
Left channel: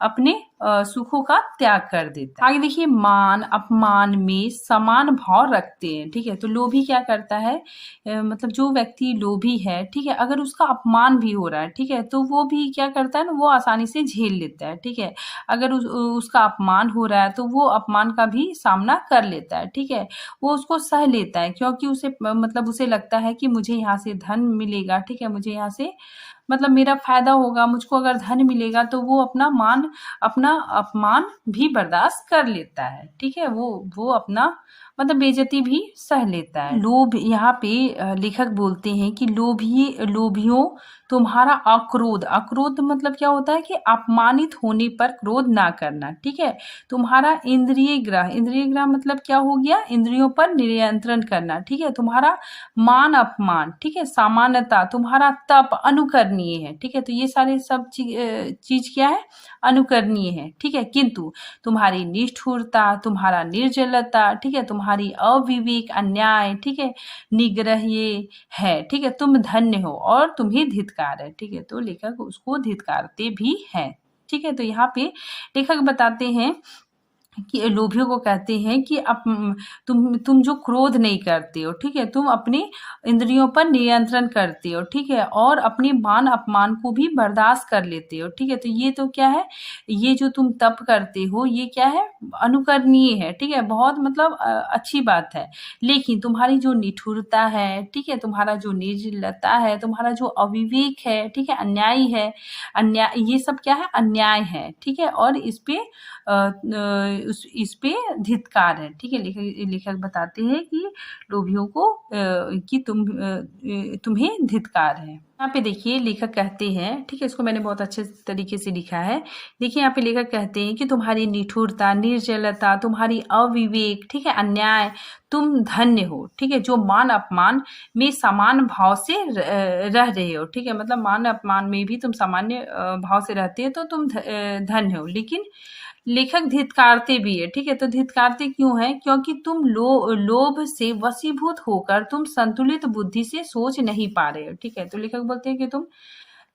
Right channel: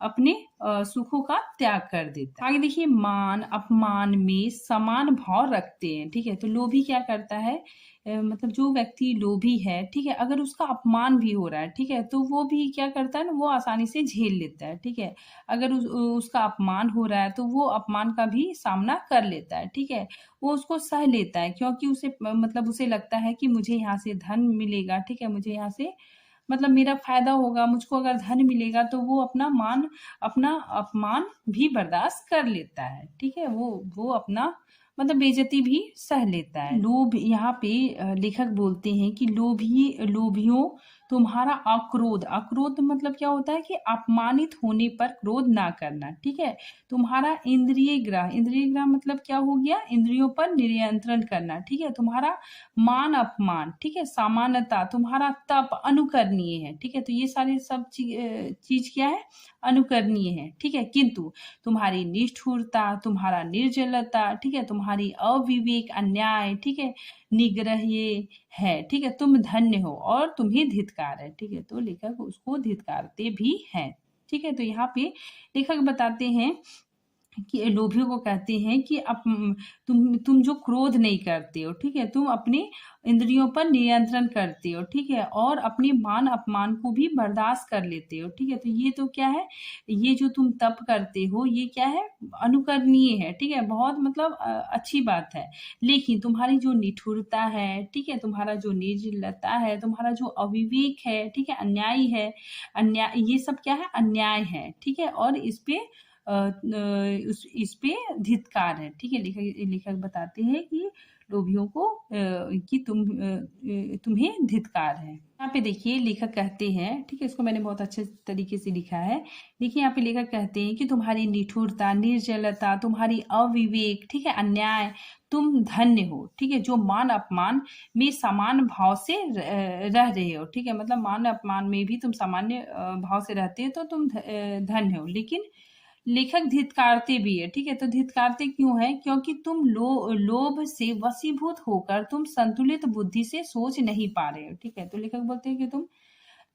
अपने सुखों का त्याग कर देता है। आगे देखिए, मान अपमान में समान भाव रखते हैं, ठीक है। तो लोभी क्या करता है? मतलब जो व्यक्ति लोभी है, ठीक है, अगर उसका अपमान भी हो रहा है, ठीक है, तो वो भी क्या करता है ना, वो आसानी से झेल लेता है, ठीक है। अगर उसका अपमान हो रहा है तो वो अपमान का भी सामना कर लेता है, ठीक है। वो उसको सह लेता है क्योंकि उसे मतलब उसे लगता है कि मुझे यहाँ से धन मिलेगा, ठीक है, मुझे यहाँ से मतलब मेरा फायदा होगा, मुझको अगर धन मिलेगा तो वो अपना अपमान भी बर्दाश्त कर लेता है, ठीक है। वो अपना मतलब बेइज्जती भी सह लेता है। लोभ यहाँ पे लेखक बोलते हैं कि लोभियों तुम्हारा अक्रोध, अक्रोध मतलब क्या होता है कि अपमानित होने पर क्रोध ना करना, ठीक है। तुम्हारा इंद्रिय ग्रह मतलब क्या हो गया? इंद्रियों पर नियंत्रण करना, ठीक है। तुम्हारा मान अपमान, ठीक है, सामान्यता, तुम्हारा तप अनुकरणीय है, ठीक है। तो ये सारे सब चीज क्या है? अनुकरणीय है, ठीक है। किंतु तुम्हारी निष्ठुरता, तुम्हारा निर्जलता, ठीक है, तुम्हारी अविवेक अन्याय, ठीक है, निग्रह ये है, ठीक है, तुम धन्य हो और तुम्हें धिक्कार है, ठीक है। तो लेखक उसको धिक्कारते भी हैं, ठीक है। तो यहाँ पे लेखक बताते हैं कि लोभियों को कहते हैं कि तुम जो क्रोध नहीं करते हो, ठीक है, तुम अपने इंद्रियों पर नियंत्रण करते हो, ठीक है, और अपने मान अपमान को भी बर्दाश्त कर लेते हो, ठीक है। तो ये तो क्या है? ये जो तुम तप करते हो ये क्या है? अनुकरणीय है, ठीक है, बहुत मतलब अच्छी बात है। लेकिन तुम्हारी जो निठुरता है, ठीक है, तुम्हारा जो निर्जलता है, तुम्हारा जो अविवेक है, ठीक है, अन्यायी है, अन्याय, ये सब क्या है? अन्याय है, ठीक है, और इस पे इस पे धिक्कार है, ठीक है। लेखक बताते हैं कि लोभियों को कि तुम्हें धिक्कार है। यहाँ पे देखिए लेखक कहते हैं, ठीक है, इसको मैंने बहुत अच्छे तरीके से लिखा है। देखिए यहाँ पे लेखक कहते हैं कि तुम्हारी निठुरता, निर्जलता, तुम्हारी अविवेक, ठीक है, अन्याय, तुम धन्य हो, ठीक है, जो मान अपमान में समान भाव से रह रहे हो, ठीक है। मतलब मान अपमान में भी तुम सामान्य भाव से रहते हो तो तुम धन्य हो। लेकिन लेखक धिक्कारते भी है, ठीक है। तो धिक्कारते क्यों है? क्योंकि तुम लोभ से वशीभूत होकर तुम संतुलित बुद्धि से सोच नहीं पा रहे हो, ठीक है। तो लेखक बोलते हैं कि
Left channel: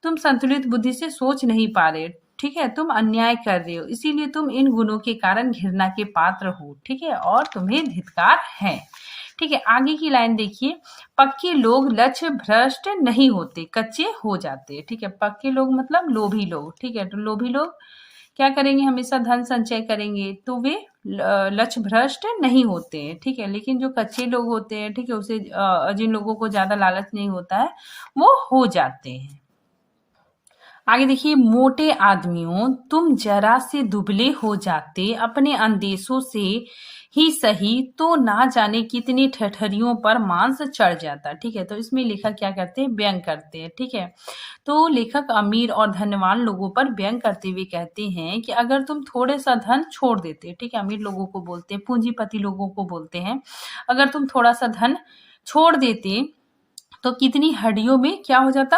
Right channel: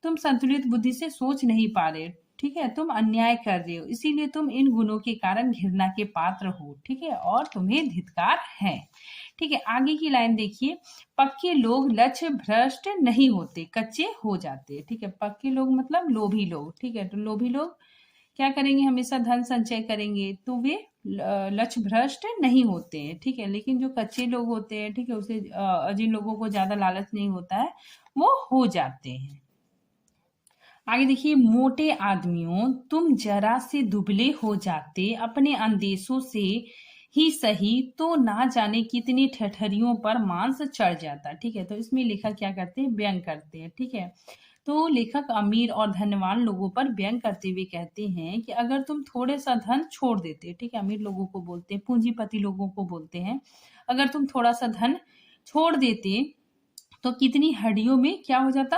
तुम संतुलित बुद्धि से सोच नहीं पा रहे हो, ठीक है, तुम अन्याय कर रहे हो, इसीलिए तुम इन गुणों के कारण घृणा के पात्र हो, ठीक है, और तुम्हें धिक्कार है, ठीक है। आगे की लाइन देखिए, पक्के लोग लक्ष्य भ्रष्ट नहीं होते, कच्चे हो जाते, ठीक है। पक्के लोग मतलब लोभी लोग, ठीक है। तो लोभी लोग क्या करेंगे? हमेशा धन संचय करेंगे तो वे लक्ष्य भ्रष्ट नहीं होते हैं, ठीक है। लेकिन जो कच्चे लोग होते हैं, ठीक है, उसे जिन लोगों को ज्यादा लालच नहीं होता है वो हो जाते हैं। आगे देखिए, मोटे आदमियों तुम जरा से दुबले हो जाते अपने अंदेशों से ही सही तो ना जाने कितनी ठठरियों पर मांस चढ़ जाता, ठीक है। तो इसमें लेखक क्या करते हैं? व्यंग करते हैं, ठीक है। तो लेखक अमीर और धनवान लोगों पर व्यंग करते हुए कहते हैं कि अगर तुम थोड़े सा धन छोड़ देते, ठीक है, अमीर लोगों को बोलते हैं, पूंजीपति लोगों को बोलते हैं, अगर तुम थोड़ा सा धन छोड़ देते तो कितनी हड्डियों में क्या हो जाता?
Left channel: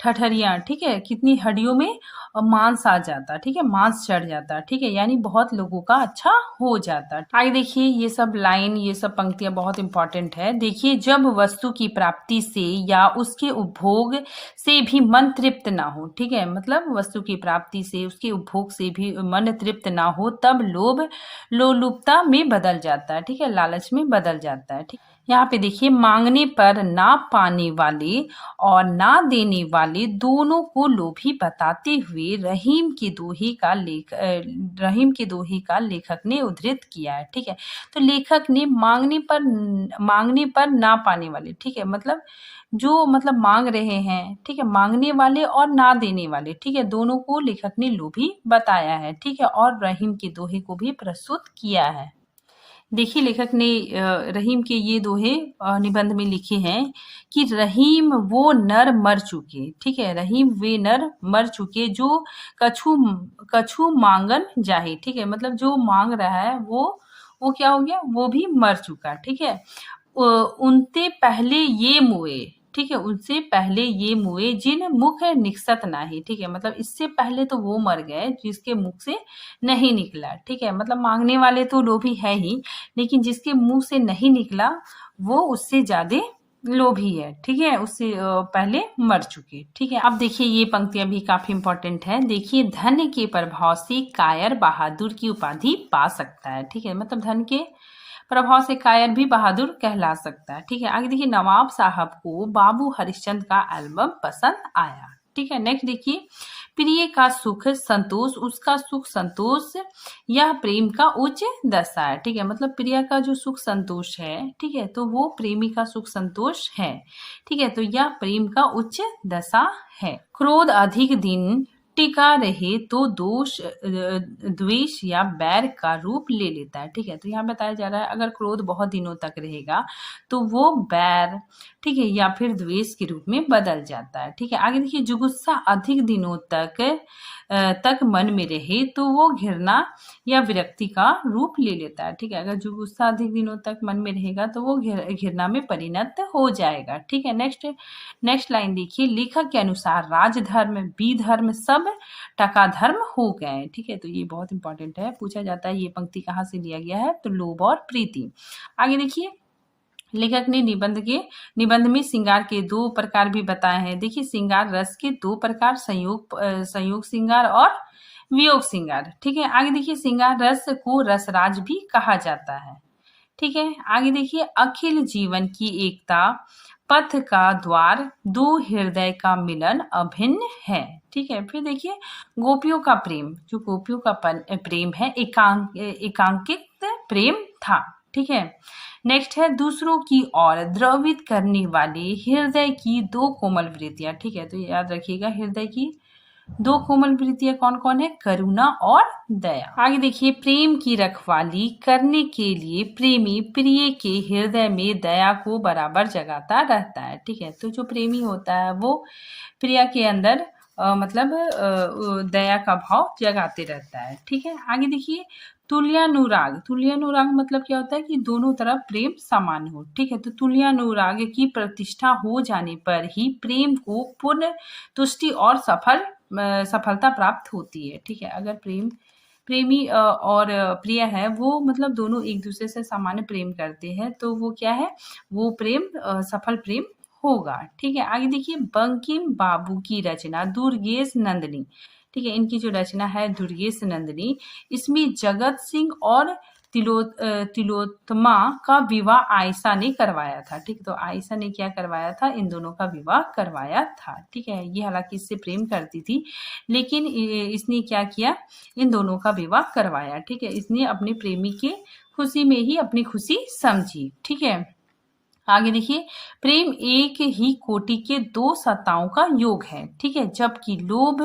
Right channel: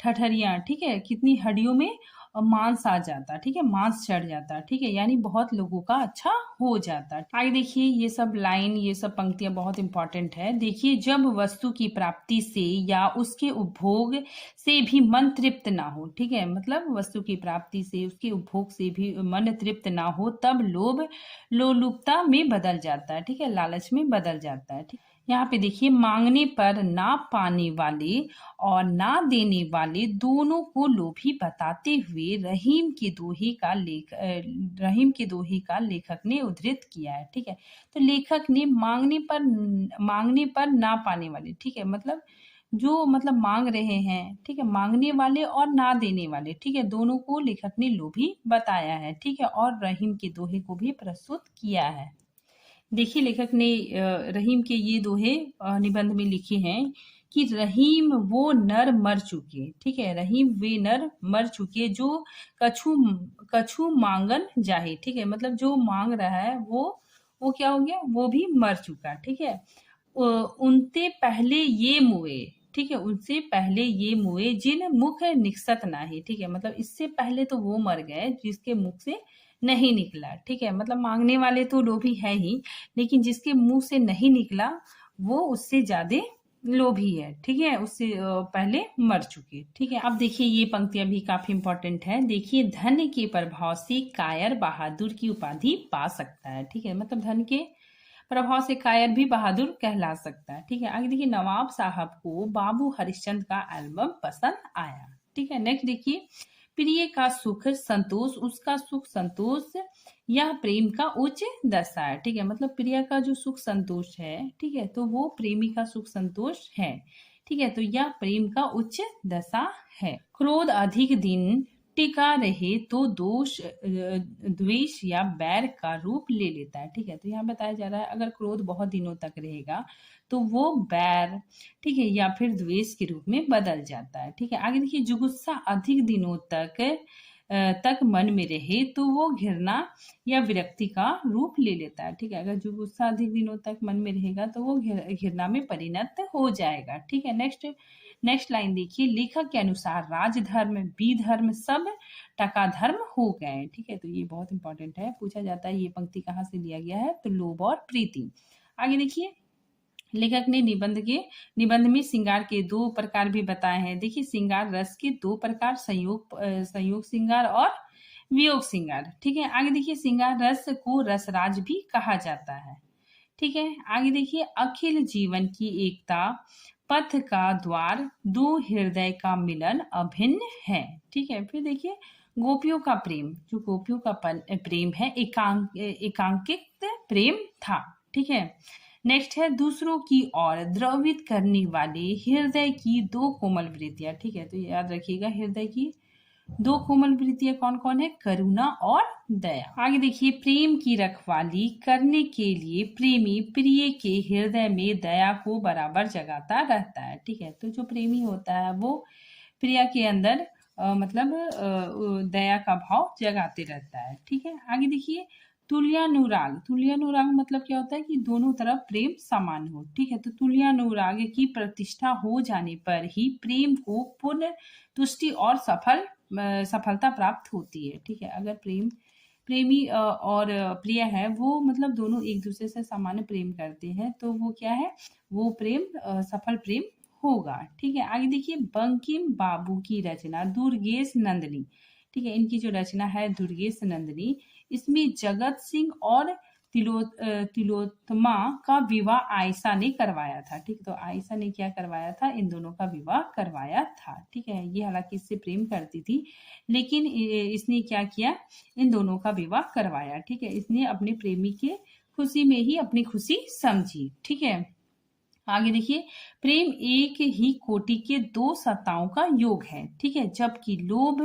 ठठरियां, ठीक है, कितनी हड्डियों में मांस आ जाता, ठीक है, मांस चढ़ जाता, ठीक है, यानी बहुत लोगों का अच्छा हो जाता। आगे देखिए, ये सब लाइन, ये सब पंक्तियां बहुत इंपॉर्टेंट है। देखिए, जब वस्तु की प्राप्ति से या उसके उपभोग से भी मन तृप्त ना हो, ठीक है, मतलब वस्तु की प्राप्ति से उसके उपभोग से भी मन तृप्त ना हो, तब लोभ लोलुपता में बदल जाता है, ठीक है, लालच में बदल जाता है, ठीक। यहाँ पे देखिए, मांगने पर ना पाने वाले और ना देने वाले दोनों को लोभी बताते हुए रहीम के दोहे का लेखक ने उद्धृत किया है, ठीक है। तो लेखक ने मांगने पर ना पाने वाले, ठीक है, मतलब जो मतलब मांग रहे हैं, ठीक है, मांगने वाले और ना देने वाले, ठीक है, दोनों को लेखक ने लोभी बताया है, ठीक है, और रहीम के दोहे को भी प्रस्तुत किया है। देखिए, लेखक ने रहीम के ये दोहे निबंध में लिखे हैं कि रहीम वो नर मर चुके, ठीक है, रहीम वे नर मर चुके जो कछु कछु मांगन जाहे, ठीक है, मतलब जो मांग रहा है वो वो क्या हो गया, वो भी मर चुका। ठीक है, उनते पहले ये मुए, ठीक है, उनसे पहले ये मुए जिन मुख निकसत नाही। ठीक है, मतलब इससे पहले तो वो मर गए जिसके मुख से नहीं निकला। ठीक है, मतलब मांगने वाले तो लोभी है ही, लेकिन जिसके मुंह से नहीं निकला वो उससे ज्यादा लोभी है। ठीक है, उससे पहले मर चुके। ठीक है, अब देखिए ये पंक्तियां भी काफी इंपॉर्टेंट है। देखिए, धन के प्रभाव से कायर बहादुर की उपाधि पा सकता है। ठीक है, मतलब धन के प्रभाव से कायर भी बहादुर कहला सकता है। ठीक है, आगे देखिए, नवाब साहब को बाबू हरिश्चंद्र का एल्बम पसंद आया। ठीक है, नेक्स्ट देखिए, प्रिय का सुख संतोष, उसका सुख संतोष, यह प्रेम का उच्च दशा है। ठीक है, मतलब प्रिय का जो सुख संतोष है, ठीक है, तो वो प्रेमी का सुख संतोष है। ठीक है, तो यह प्रेम का उच्च दशा है। क्रोध अधिक दिन टिका रहे तो दोष द्वेष या बैर का रूप ले लेता है। ठीक है, तो यहाँ बताया जा रहा है अगर क्रोध बहुत दिनों तक रहेगा तो वो बैर, ठीक है, या फिर द्वेष के रूप में बदल जाता है। ठीक है, आगे देखिए, जुगुस्सा अधिक दिनों तक मन में रहे तो वो घृणा या विरक्ति का रूप ले लेता है। ठीक है, अगर जुगुस्सा अधिक दिनों तक मन में रहेगा तो वो घृणा में परिणत हो जाएगा। ठीक है, नेक्स्ट लाइन देखिए, लेखक के अनुसार राजधर्म विधर्म सब टका धर्म हो गए। ठीक है, तो ये बहुत इंपॉर्टेंट है, पूछा जाता है ये पंक्ति कहाँ से लिया गया है, तो लोभ और प्रीति। आगे देखिए, लेखक ने निबंध में श्रृंगार के दो प्रकार भी बताए हैं। देखिए, श्रृंगार रस के दो प्रकार, संयोग श्रृंगार और वियोग श्रृंगार। ठीक है, आगे देखिए, श्रृंगार रस को रसराज भी कहा जाता है। ठीक है, आगे देखिए, अखिल जीवन की एकता पथ का द्वार, दो हृदय का मिलन अभिन्न है। ठीक है, फिर देखिए, गोपियों का प्रेम, जो गोपियों का प्रेम है एकांकित प्रेम था। ठीक है, नेक्स्ट है, दूसरों की ओर द्रवित करने वाले हृदय की दो कोमल वृत्तियां। ठीक है, तो याद रखिएगा, हृदय की दो कोमल वृत्तियां कौन कौन है, करुणा और दया। आगे देखिए, प्रेम की रखवाली करने के लिए प्रेमी प्रिय के हृदय में दया को बराबर जगाता रहता है। ठीक है, तो जो प्रेमी होता है वो प्रिया के अंदर मतलब दया का भाव जगाते रहता है। ठीक है, आगे देखिए, तुल्यानुराग मतलब क्या होता है कि दोनों तरफ प्रेम समान हो। ठीक है, तो तुल्यानुराग की प्रतिष्ठा हो जाने पर ही प्रेम को पूर्ण तुष्टि और सफलता प्राप्त होती है। ठीक है, अगर प्रेमी और प्रिय है वो मतलब दोनों एक दूसरे से सामान्य प्रेम करते हैं तो वो क्या है, वो प्रेम सफल प्रेम होगा। ठीक है, आगे देखिए, बंकिम बाबू की रचना दुर्गेश नंदिनी। ठीक है, इनकी जो रचना है दुर्गेश नंदिनी, इसमें जगत सिंह और तिलोत्तमा का विवाह आयशा ने करवाया था। ठीक, तो आयशा ने क्या करवाया था, इन दोनों का विवाह करवाया था। ठीक है, ये हालांकि इससे प्रेम करती थी लेकिन इसने क्या किया, इन दोनों का विवाह करवाया। ठीक है, इसने अपने प्रेमी के खुशी में ही अपनी खुशी समझी। ठीक है, आगे देखिए, प्रेम एक ही कोटि के दो सत्ताओं का योग है। ठीक है, जबकि लोभ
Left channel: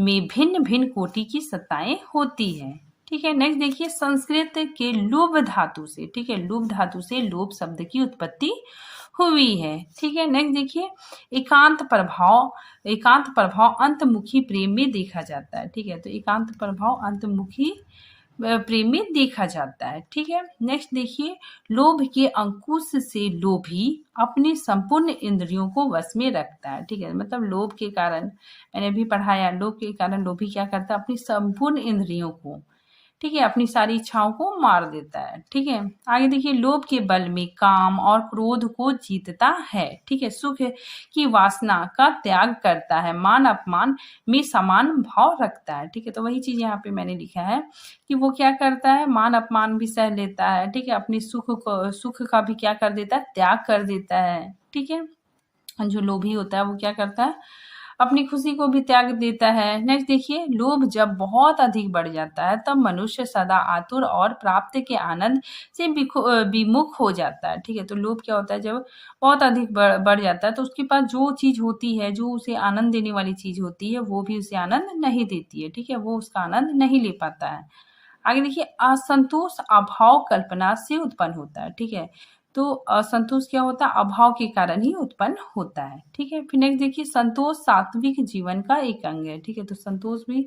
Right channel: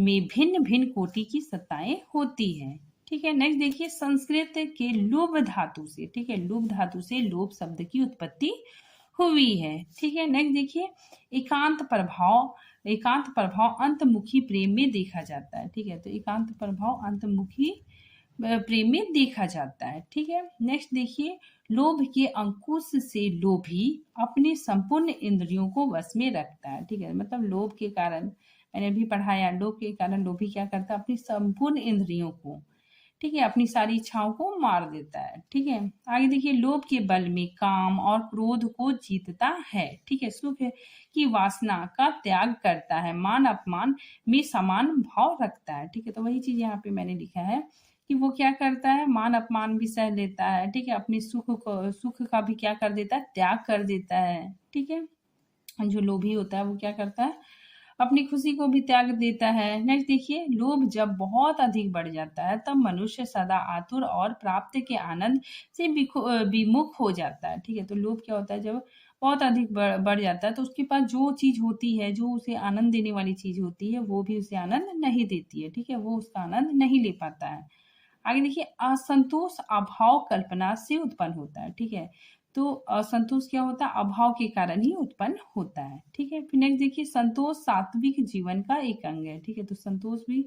में भिन्न भिन्न कोटि की सत्ताएं होती हैं। ठीक है, नेक्स्ट देखिए, संस्कृत के लुभ धातु से, ठीक है, लुभ धातु से लोभ शब्द की उत्पत्ति हुई है। ठीक है, नेक्स्ट देखिए, एकांत प्रभाव अंतमुखी प्रेम में देखा जाता है। ठीक है, तो एकांत प्रभाव अंतमुखी प्रेम में देखा जाता है। ठीक है, नेक्स्ट देखिए, लोभ के अंकुश से लोभी अपने संपूर्ण इंद्रियों को वश में रखता है। ठीक है, मतलब लोभ के कारण, मैंने भी पढ़ाया, लोभ के कारण लोभी क्या करता है, अपनी संपूर्ण इंद्रियों को, ठीक है, अपनी सारी इच्छाओं को मार देता है। ठीक है, आगे देखिए, लोभ के बल में काम और क्रोध को जीतता है। ठीक है, सुख की वासना का त्याग करता है, मान अपमान में समान भाव रखता है। ठीक है, तो वही चीज यहाँ पे मैंने लिखा है कि वो क्या करता है, मान अपमान भी सह लेता है। ठीक है, अपने सुख का भी क्या कर देता है, त्याग कर देता है। ठीक है, जो लोभी होता है वो क्या करता है, अपनी खुशी को भी त्याग देता है। नेक्स्ट देखिए, लोभ जब बहुत अधिक बढ़ जाता है तब मनुष्य सदा आतुर और प्राप्त के आनंद से विमुख हो जाता है। ठीक है, तो लोभ क्या होता है, जब बहुत अधिक बढ़ जाता है तो उसके पास जो चीज होती है, जो उसे आनंद देने वाली चीज होती है, वो भी उसे आनंद नहीं देती है। ठीक है, वो उसका आनंद नहीं ले पाता है। आगे देखिए, असंतोष अभाव कल्पना से उत्पन्न होता है। ठीक है, तो असंतोष क्या होता है, अभाव के कारण ही उत्पन्न होता है। ठीक है, फिर नेक्स्ट देखिए, संतोष सात्विक जीवन का एक अंग है। ठीक है, तो संतोष भी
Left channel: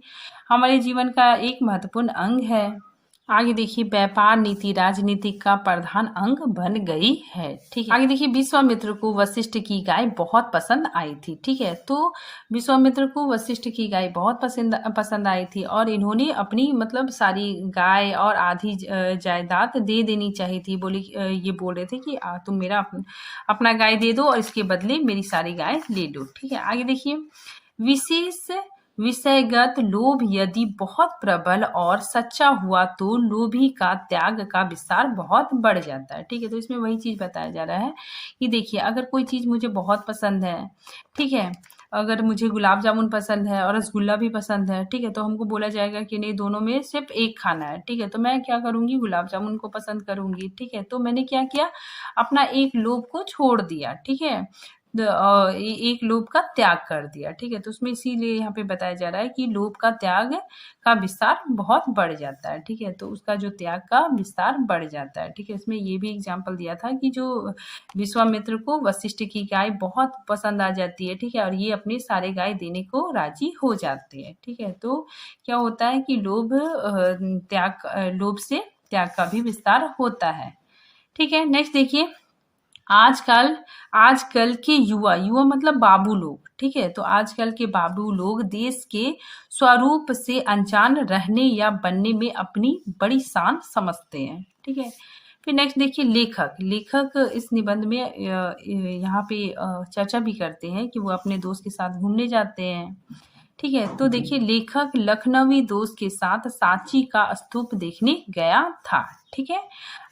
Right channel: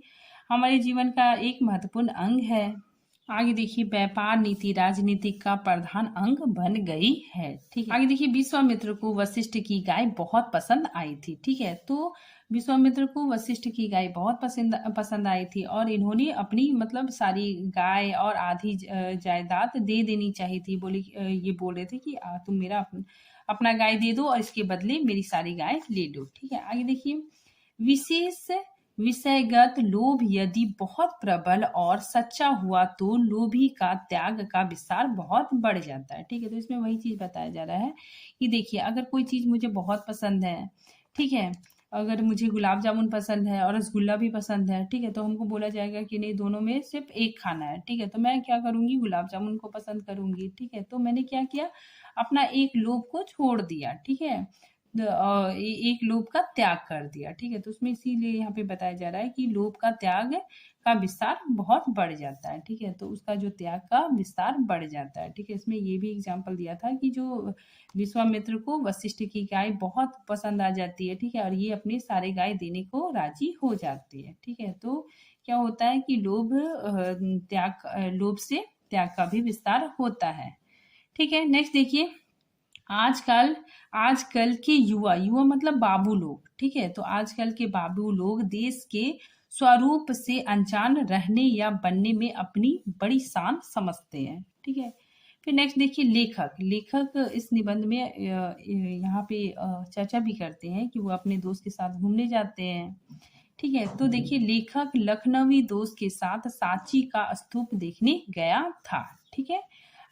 हमारे जीवन का एक महत्वपूर्ण अंग है। आगे देखिए व्यापार नीति राजनीति का प्रधान अंग बन गई है। ठीक है, आगे देखिए विश्वामित्र को वशिष्ठ की गाय बहुत पसंद आई थी। ठीक है, तो विश्वामित्र को वशिष्ठ की गाय बहुत पसंद आई थी और इन्होंने अपनी मतलब सारी गाय और आधी जायदाद दे देनी चाहिए थी। ये बोल रहे थे कि तुम मेरा अपना गाय दे दो और इसके बदले मेरी सारी गाय ले लो। ठीक है, आगे देखिए विशेष विषयगत लोभ यदि बहुत प्रबल और सच्चा हुआ तो लोभी का त्याग का विस्तार बहुत बढ़ जाता है। ठीक है, तो इसमें वही चीज बताया जा रहा है कि देखिए अगर कोई चीज मुझे बहुत पसंद है, ठीक है, अगर मुझे गुलाब जामुन पसंद है और रसगुल्ला भी पसंद है, ठीक है, तो हमको बोला जाएगा कि नहीं दोनों में सिर्फ एक खाना है। ठीक है, तो मैं क्या करूंगी, गुलाब जामुन को पसंद करूंगी। ठीक है, तो मैंने क्या किया, अपना एक लोभ को छोड़ दिया। ठीक है, एक लोभ का त्याग कर दिया। ठीक है, तो उसमें इसीलिए यहाँ पे बताया जा रहा है कि लोभ का त्याग का विस्तार बहुत बढ़ जाता है। ठीक है, तो उसका जो त्याग का विस्तार बढ़ जाता है। ठीक है, इसमें ये भी एग्जाम्पल दिया था कि जो विश्वामित्र को वशिष्ठ की गाय बहुत पसंद आ जाती है। ठीक है, और ये अपने सारे गाय देने को राजी हो जाते हैं। ठीक है, तो क्या होता है कि लोभ से त्याग का भी विस्तार होता है। ठीक है, नेक्स्ट देखिए आजकल आजकल के युवा युवा मतलब बाबू लोग। ठीक है, तो आजकल के बाबू लोग देश के स्वरूप से अनजान रहने या बनने में अपनी बड़ी शान समझते हैं। ठीक है, फिर नेक्स्ट देखिए लेखक लेखक इस निबंध में यहाँ पे चर्चा भी करते हैं कि वो अपने दोस्त के साथ घूमने जाते हैं। ठीक है, तो देखिए लेखक लखनवी दोस्त के साथ सांची का स्तूप देखने गया था। ठीक है,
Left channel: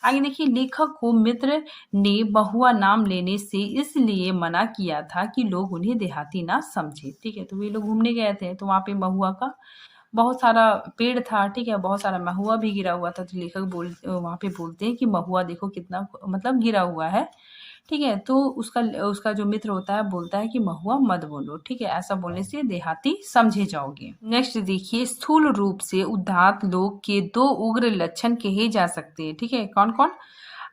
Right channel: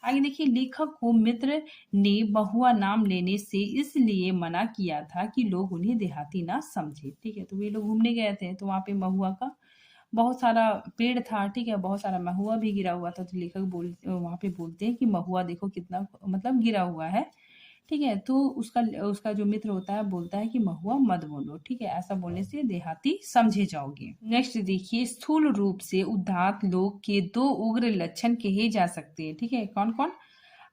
आगे देखिए लेखक को मित्र ने महुआ नाम लेने से इसलिए मना किया था कि लोग उन्हें देहाती ना समझे। ठीक है, तो वे लोग घूमने गए थे तो वहां पे महुआ का बहुत सारा पेड़ था। ठीक है, बहुत सारा महुआ भी गिरा हुआ था, तो लेखक वहां पे बोलते हैं कि महुआ देखो कितना मतलब गिरा हुआ है। ठीक है, तो उसका उसका जो मित्र होता है बोलता है कि महुआ मत बोलो। ठीक है, ऐसा बोलने से देहाती समझे जाओगे। नेक्स्ट देखिए स्थूल रूप से उदात्त लोग के दो उग्र लक्षण कहे जा सकते हैं। ठीक है, कौन कौन,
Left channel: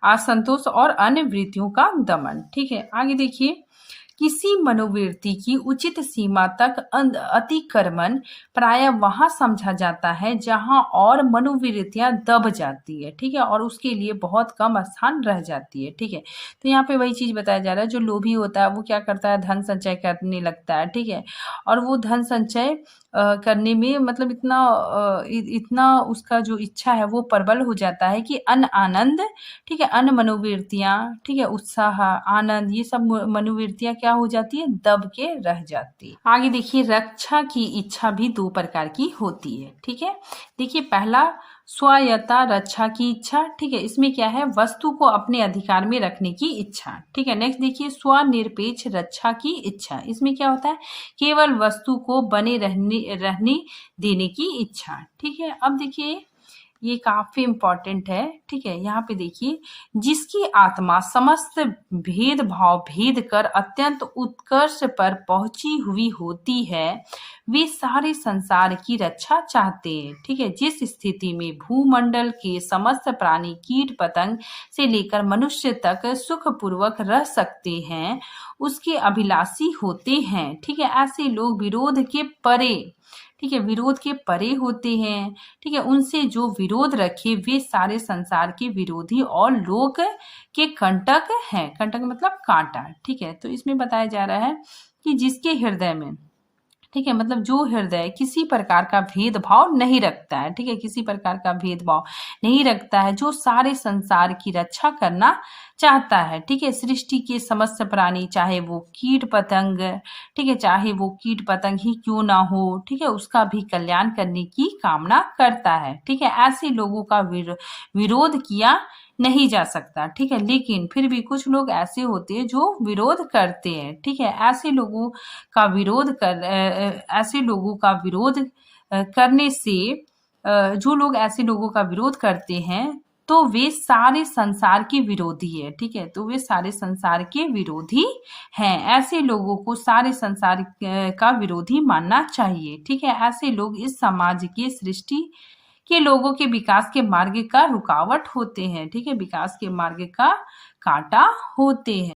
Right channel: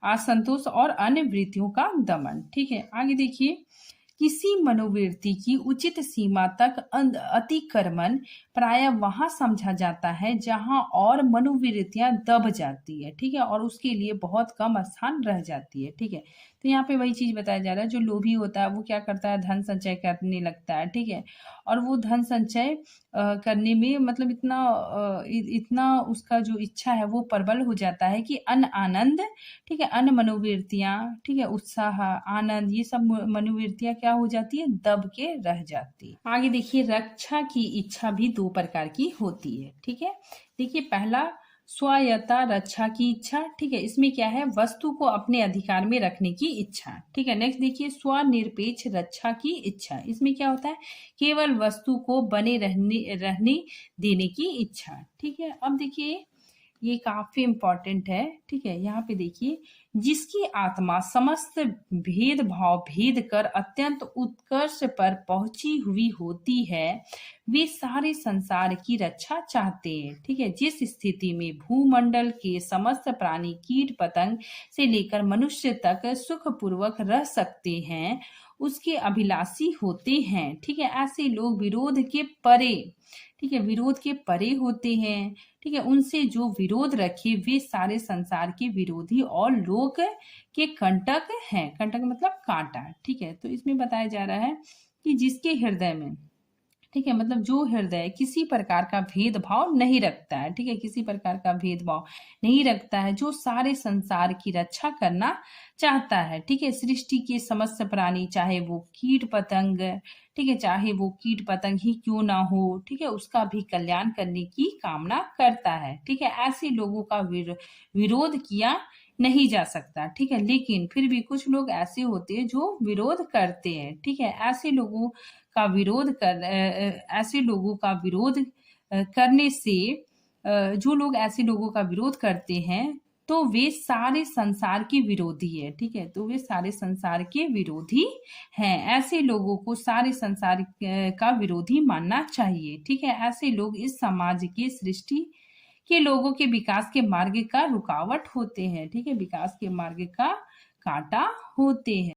असंतोष और अन्य वृत्तियों का दमन। ठीक है, आगे देखिए किसी मनोवृत्ति की उचित सीमा तक अतिक्रमण प्राय वहां समझा जाता है जहां और मनोवृत्तियां दब जाती है। ठीक है, और उसके लिए बहुत कम स्थान रह जाती है। ठीक है, तो यहाँ पे वही चीज बताया जा रहा है, जो लोभी होता है वो क्या करता है, धन संचय करने लगता है। ठीक है, और वो धन संचय करने में मतलब इतना उसका जो इच्छा है वो प्रबल हो जाता है कि आनंद, ठीक है, अन्य मनोवृत्तियां, ठीक है, उत्साह आनंद ये सब मनोवृत्तियां क्या हो जाती है, दब के रह जाती है। आगे देखिए रक्षा की इच्छा भी दो प्रकार की होती है। ठीक है, देखिए पहला स्वायत्ता रक्षा की इच्छा। ठीक है, इसमें क्या है, वस्तु को अपने अधिकार में रखने की इच्छा। ठीक है, नेक्स्ट देखिए स्वनिरपेक्ष रक्षा की इच्छा। इसमें क्या होता है, केवल वस्तु को बने रहने देने की इच्छा। ठीक है, अब देखिए ये काफी इंपॉर्टेंट है। ठीक है, यहाँ पे देखिए जिसकी आत्मा समस्त भेदभाव भेद कर अत्यंत उत्कर्ष पर पहुंची हुई होती है वे सारे संसार की रक्षा चाहते हैं। ठीक है, जिस स्थिति में भूमंडल के समस्त प्राणी कीट पतंग से लेकर मनुष्य तक सुखपूर्वक रह सकते हैं उसके अभिलाषी होते हैं। ठीक है, ऐसे लोग विरोध के परे, ठीक है, विरोध के परे होते हैं। ठीक है, उनसे जो विरोध रखे वे सारे संसार के विरोधी और लोक के कंटक हैं। कंटक मतलब कांटा। ठीक है, तो इसमें बताया जा रहा है कि जिसके हृदय में, ठीक है, मतलब जो हृदय किसी प्रकार का भेदभाव नहीं रखता है, ठीक है, किसी प्रकार का भेदभाव नहीं रखता है, जो सारे संसार की रक्षा करना चाहता है। ठीक है, सृष्टि के समस्त प्राणी चाहे वो कीट पतंग, ठीक है, चाहे वो कीट पतंग ही क्यों ना हो, ठीक है, उसका भी कल्याण करने की कामना करता है। ठीक है, ऐसे लोगों का विरोध किया नहीं जा सकता। ठीक है, लेकिन फिर भी कुछ लोग ऐसे होते हैं जो विरोध करते हैं। ठीक है, ऐसे लोगों का विरोध करने से जो लोग ऐसे लोगों का विरोध करते हैं तो वे सारे संसार के विरोधी है। ठीक है, तो वे सारे संसार के विरोधी हैं। ऐसे लोगों को सारे संसार का विरोधी मानना चाहिए। ठीक है, ऐसे लोग इस समाज के सृष्टि के लोगों के विकास के मार्ग का रुकावट होते हैं। ठीक है, विकास के मार्ग का कांटा होते हैं।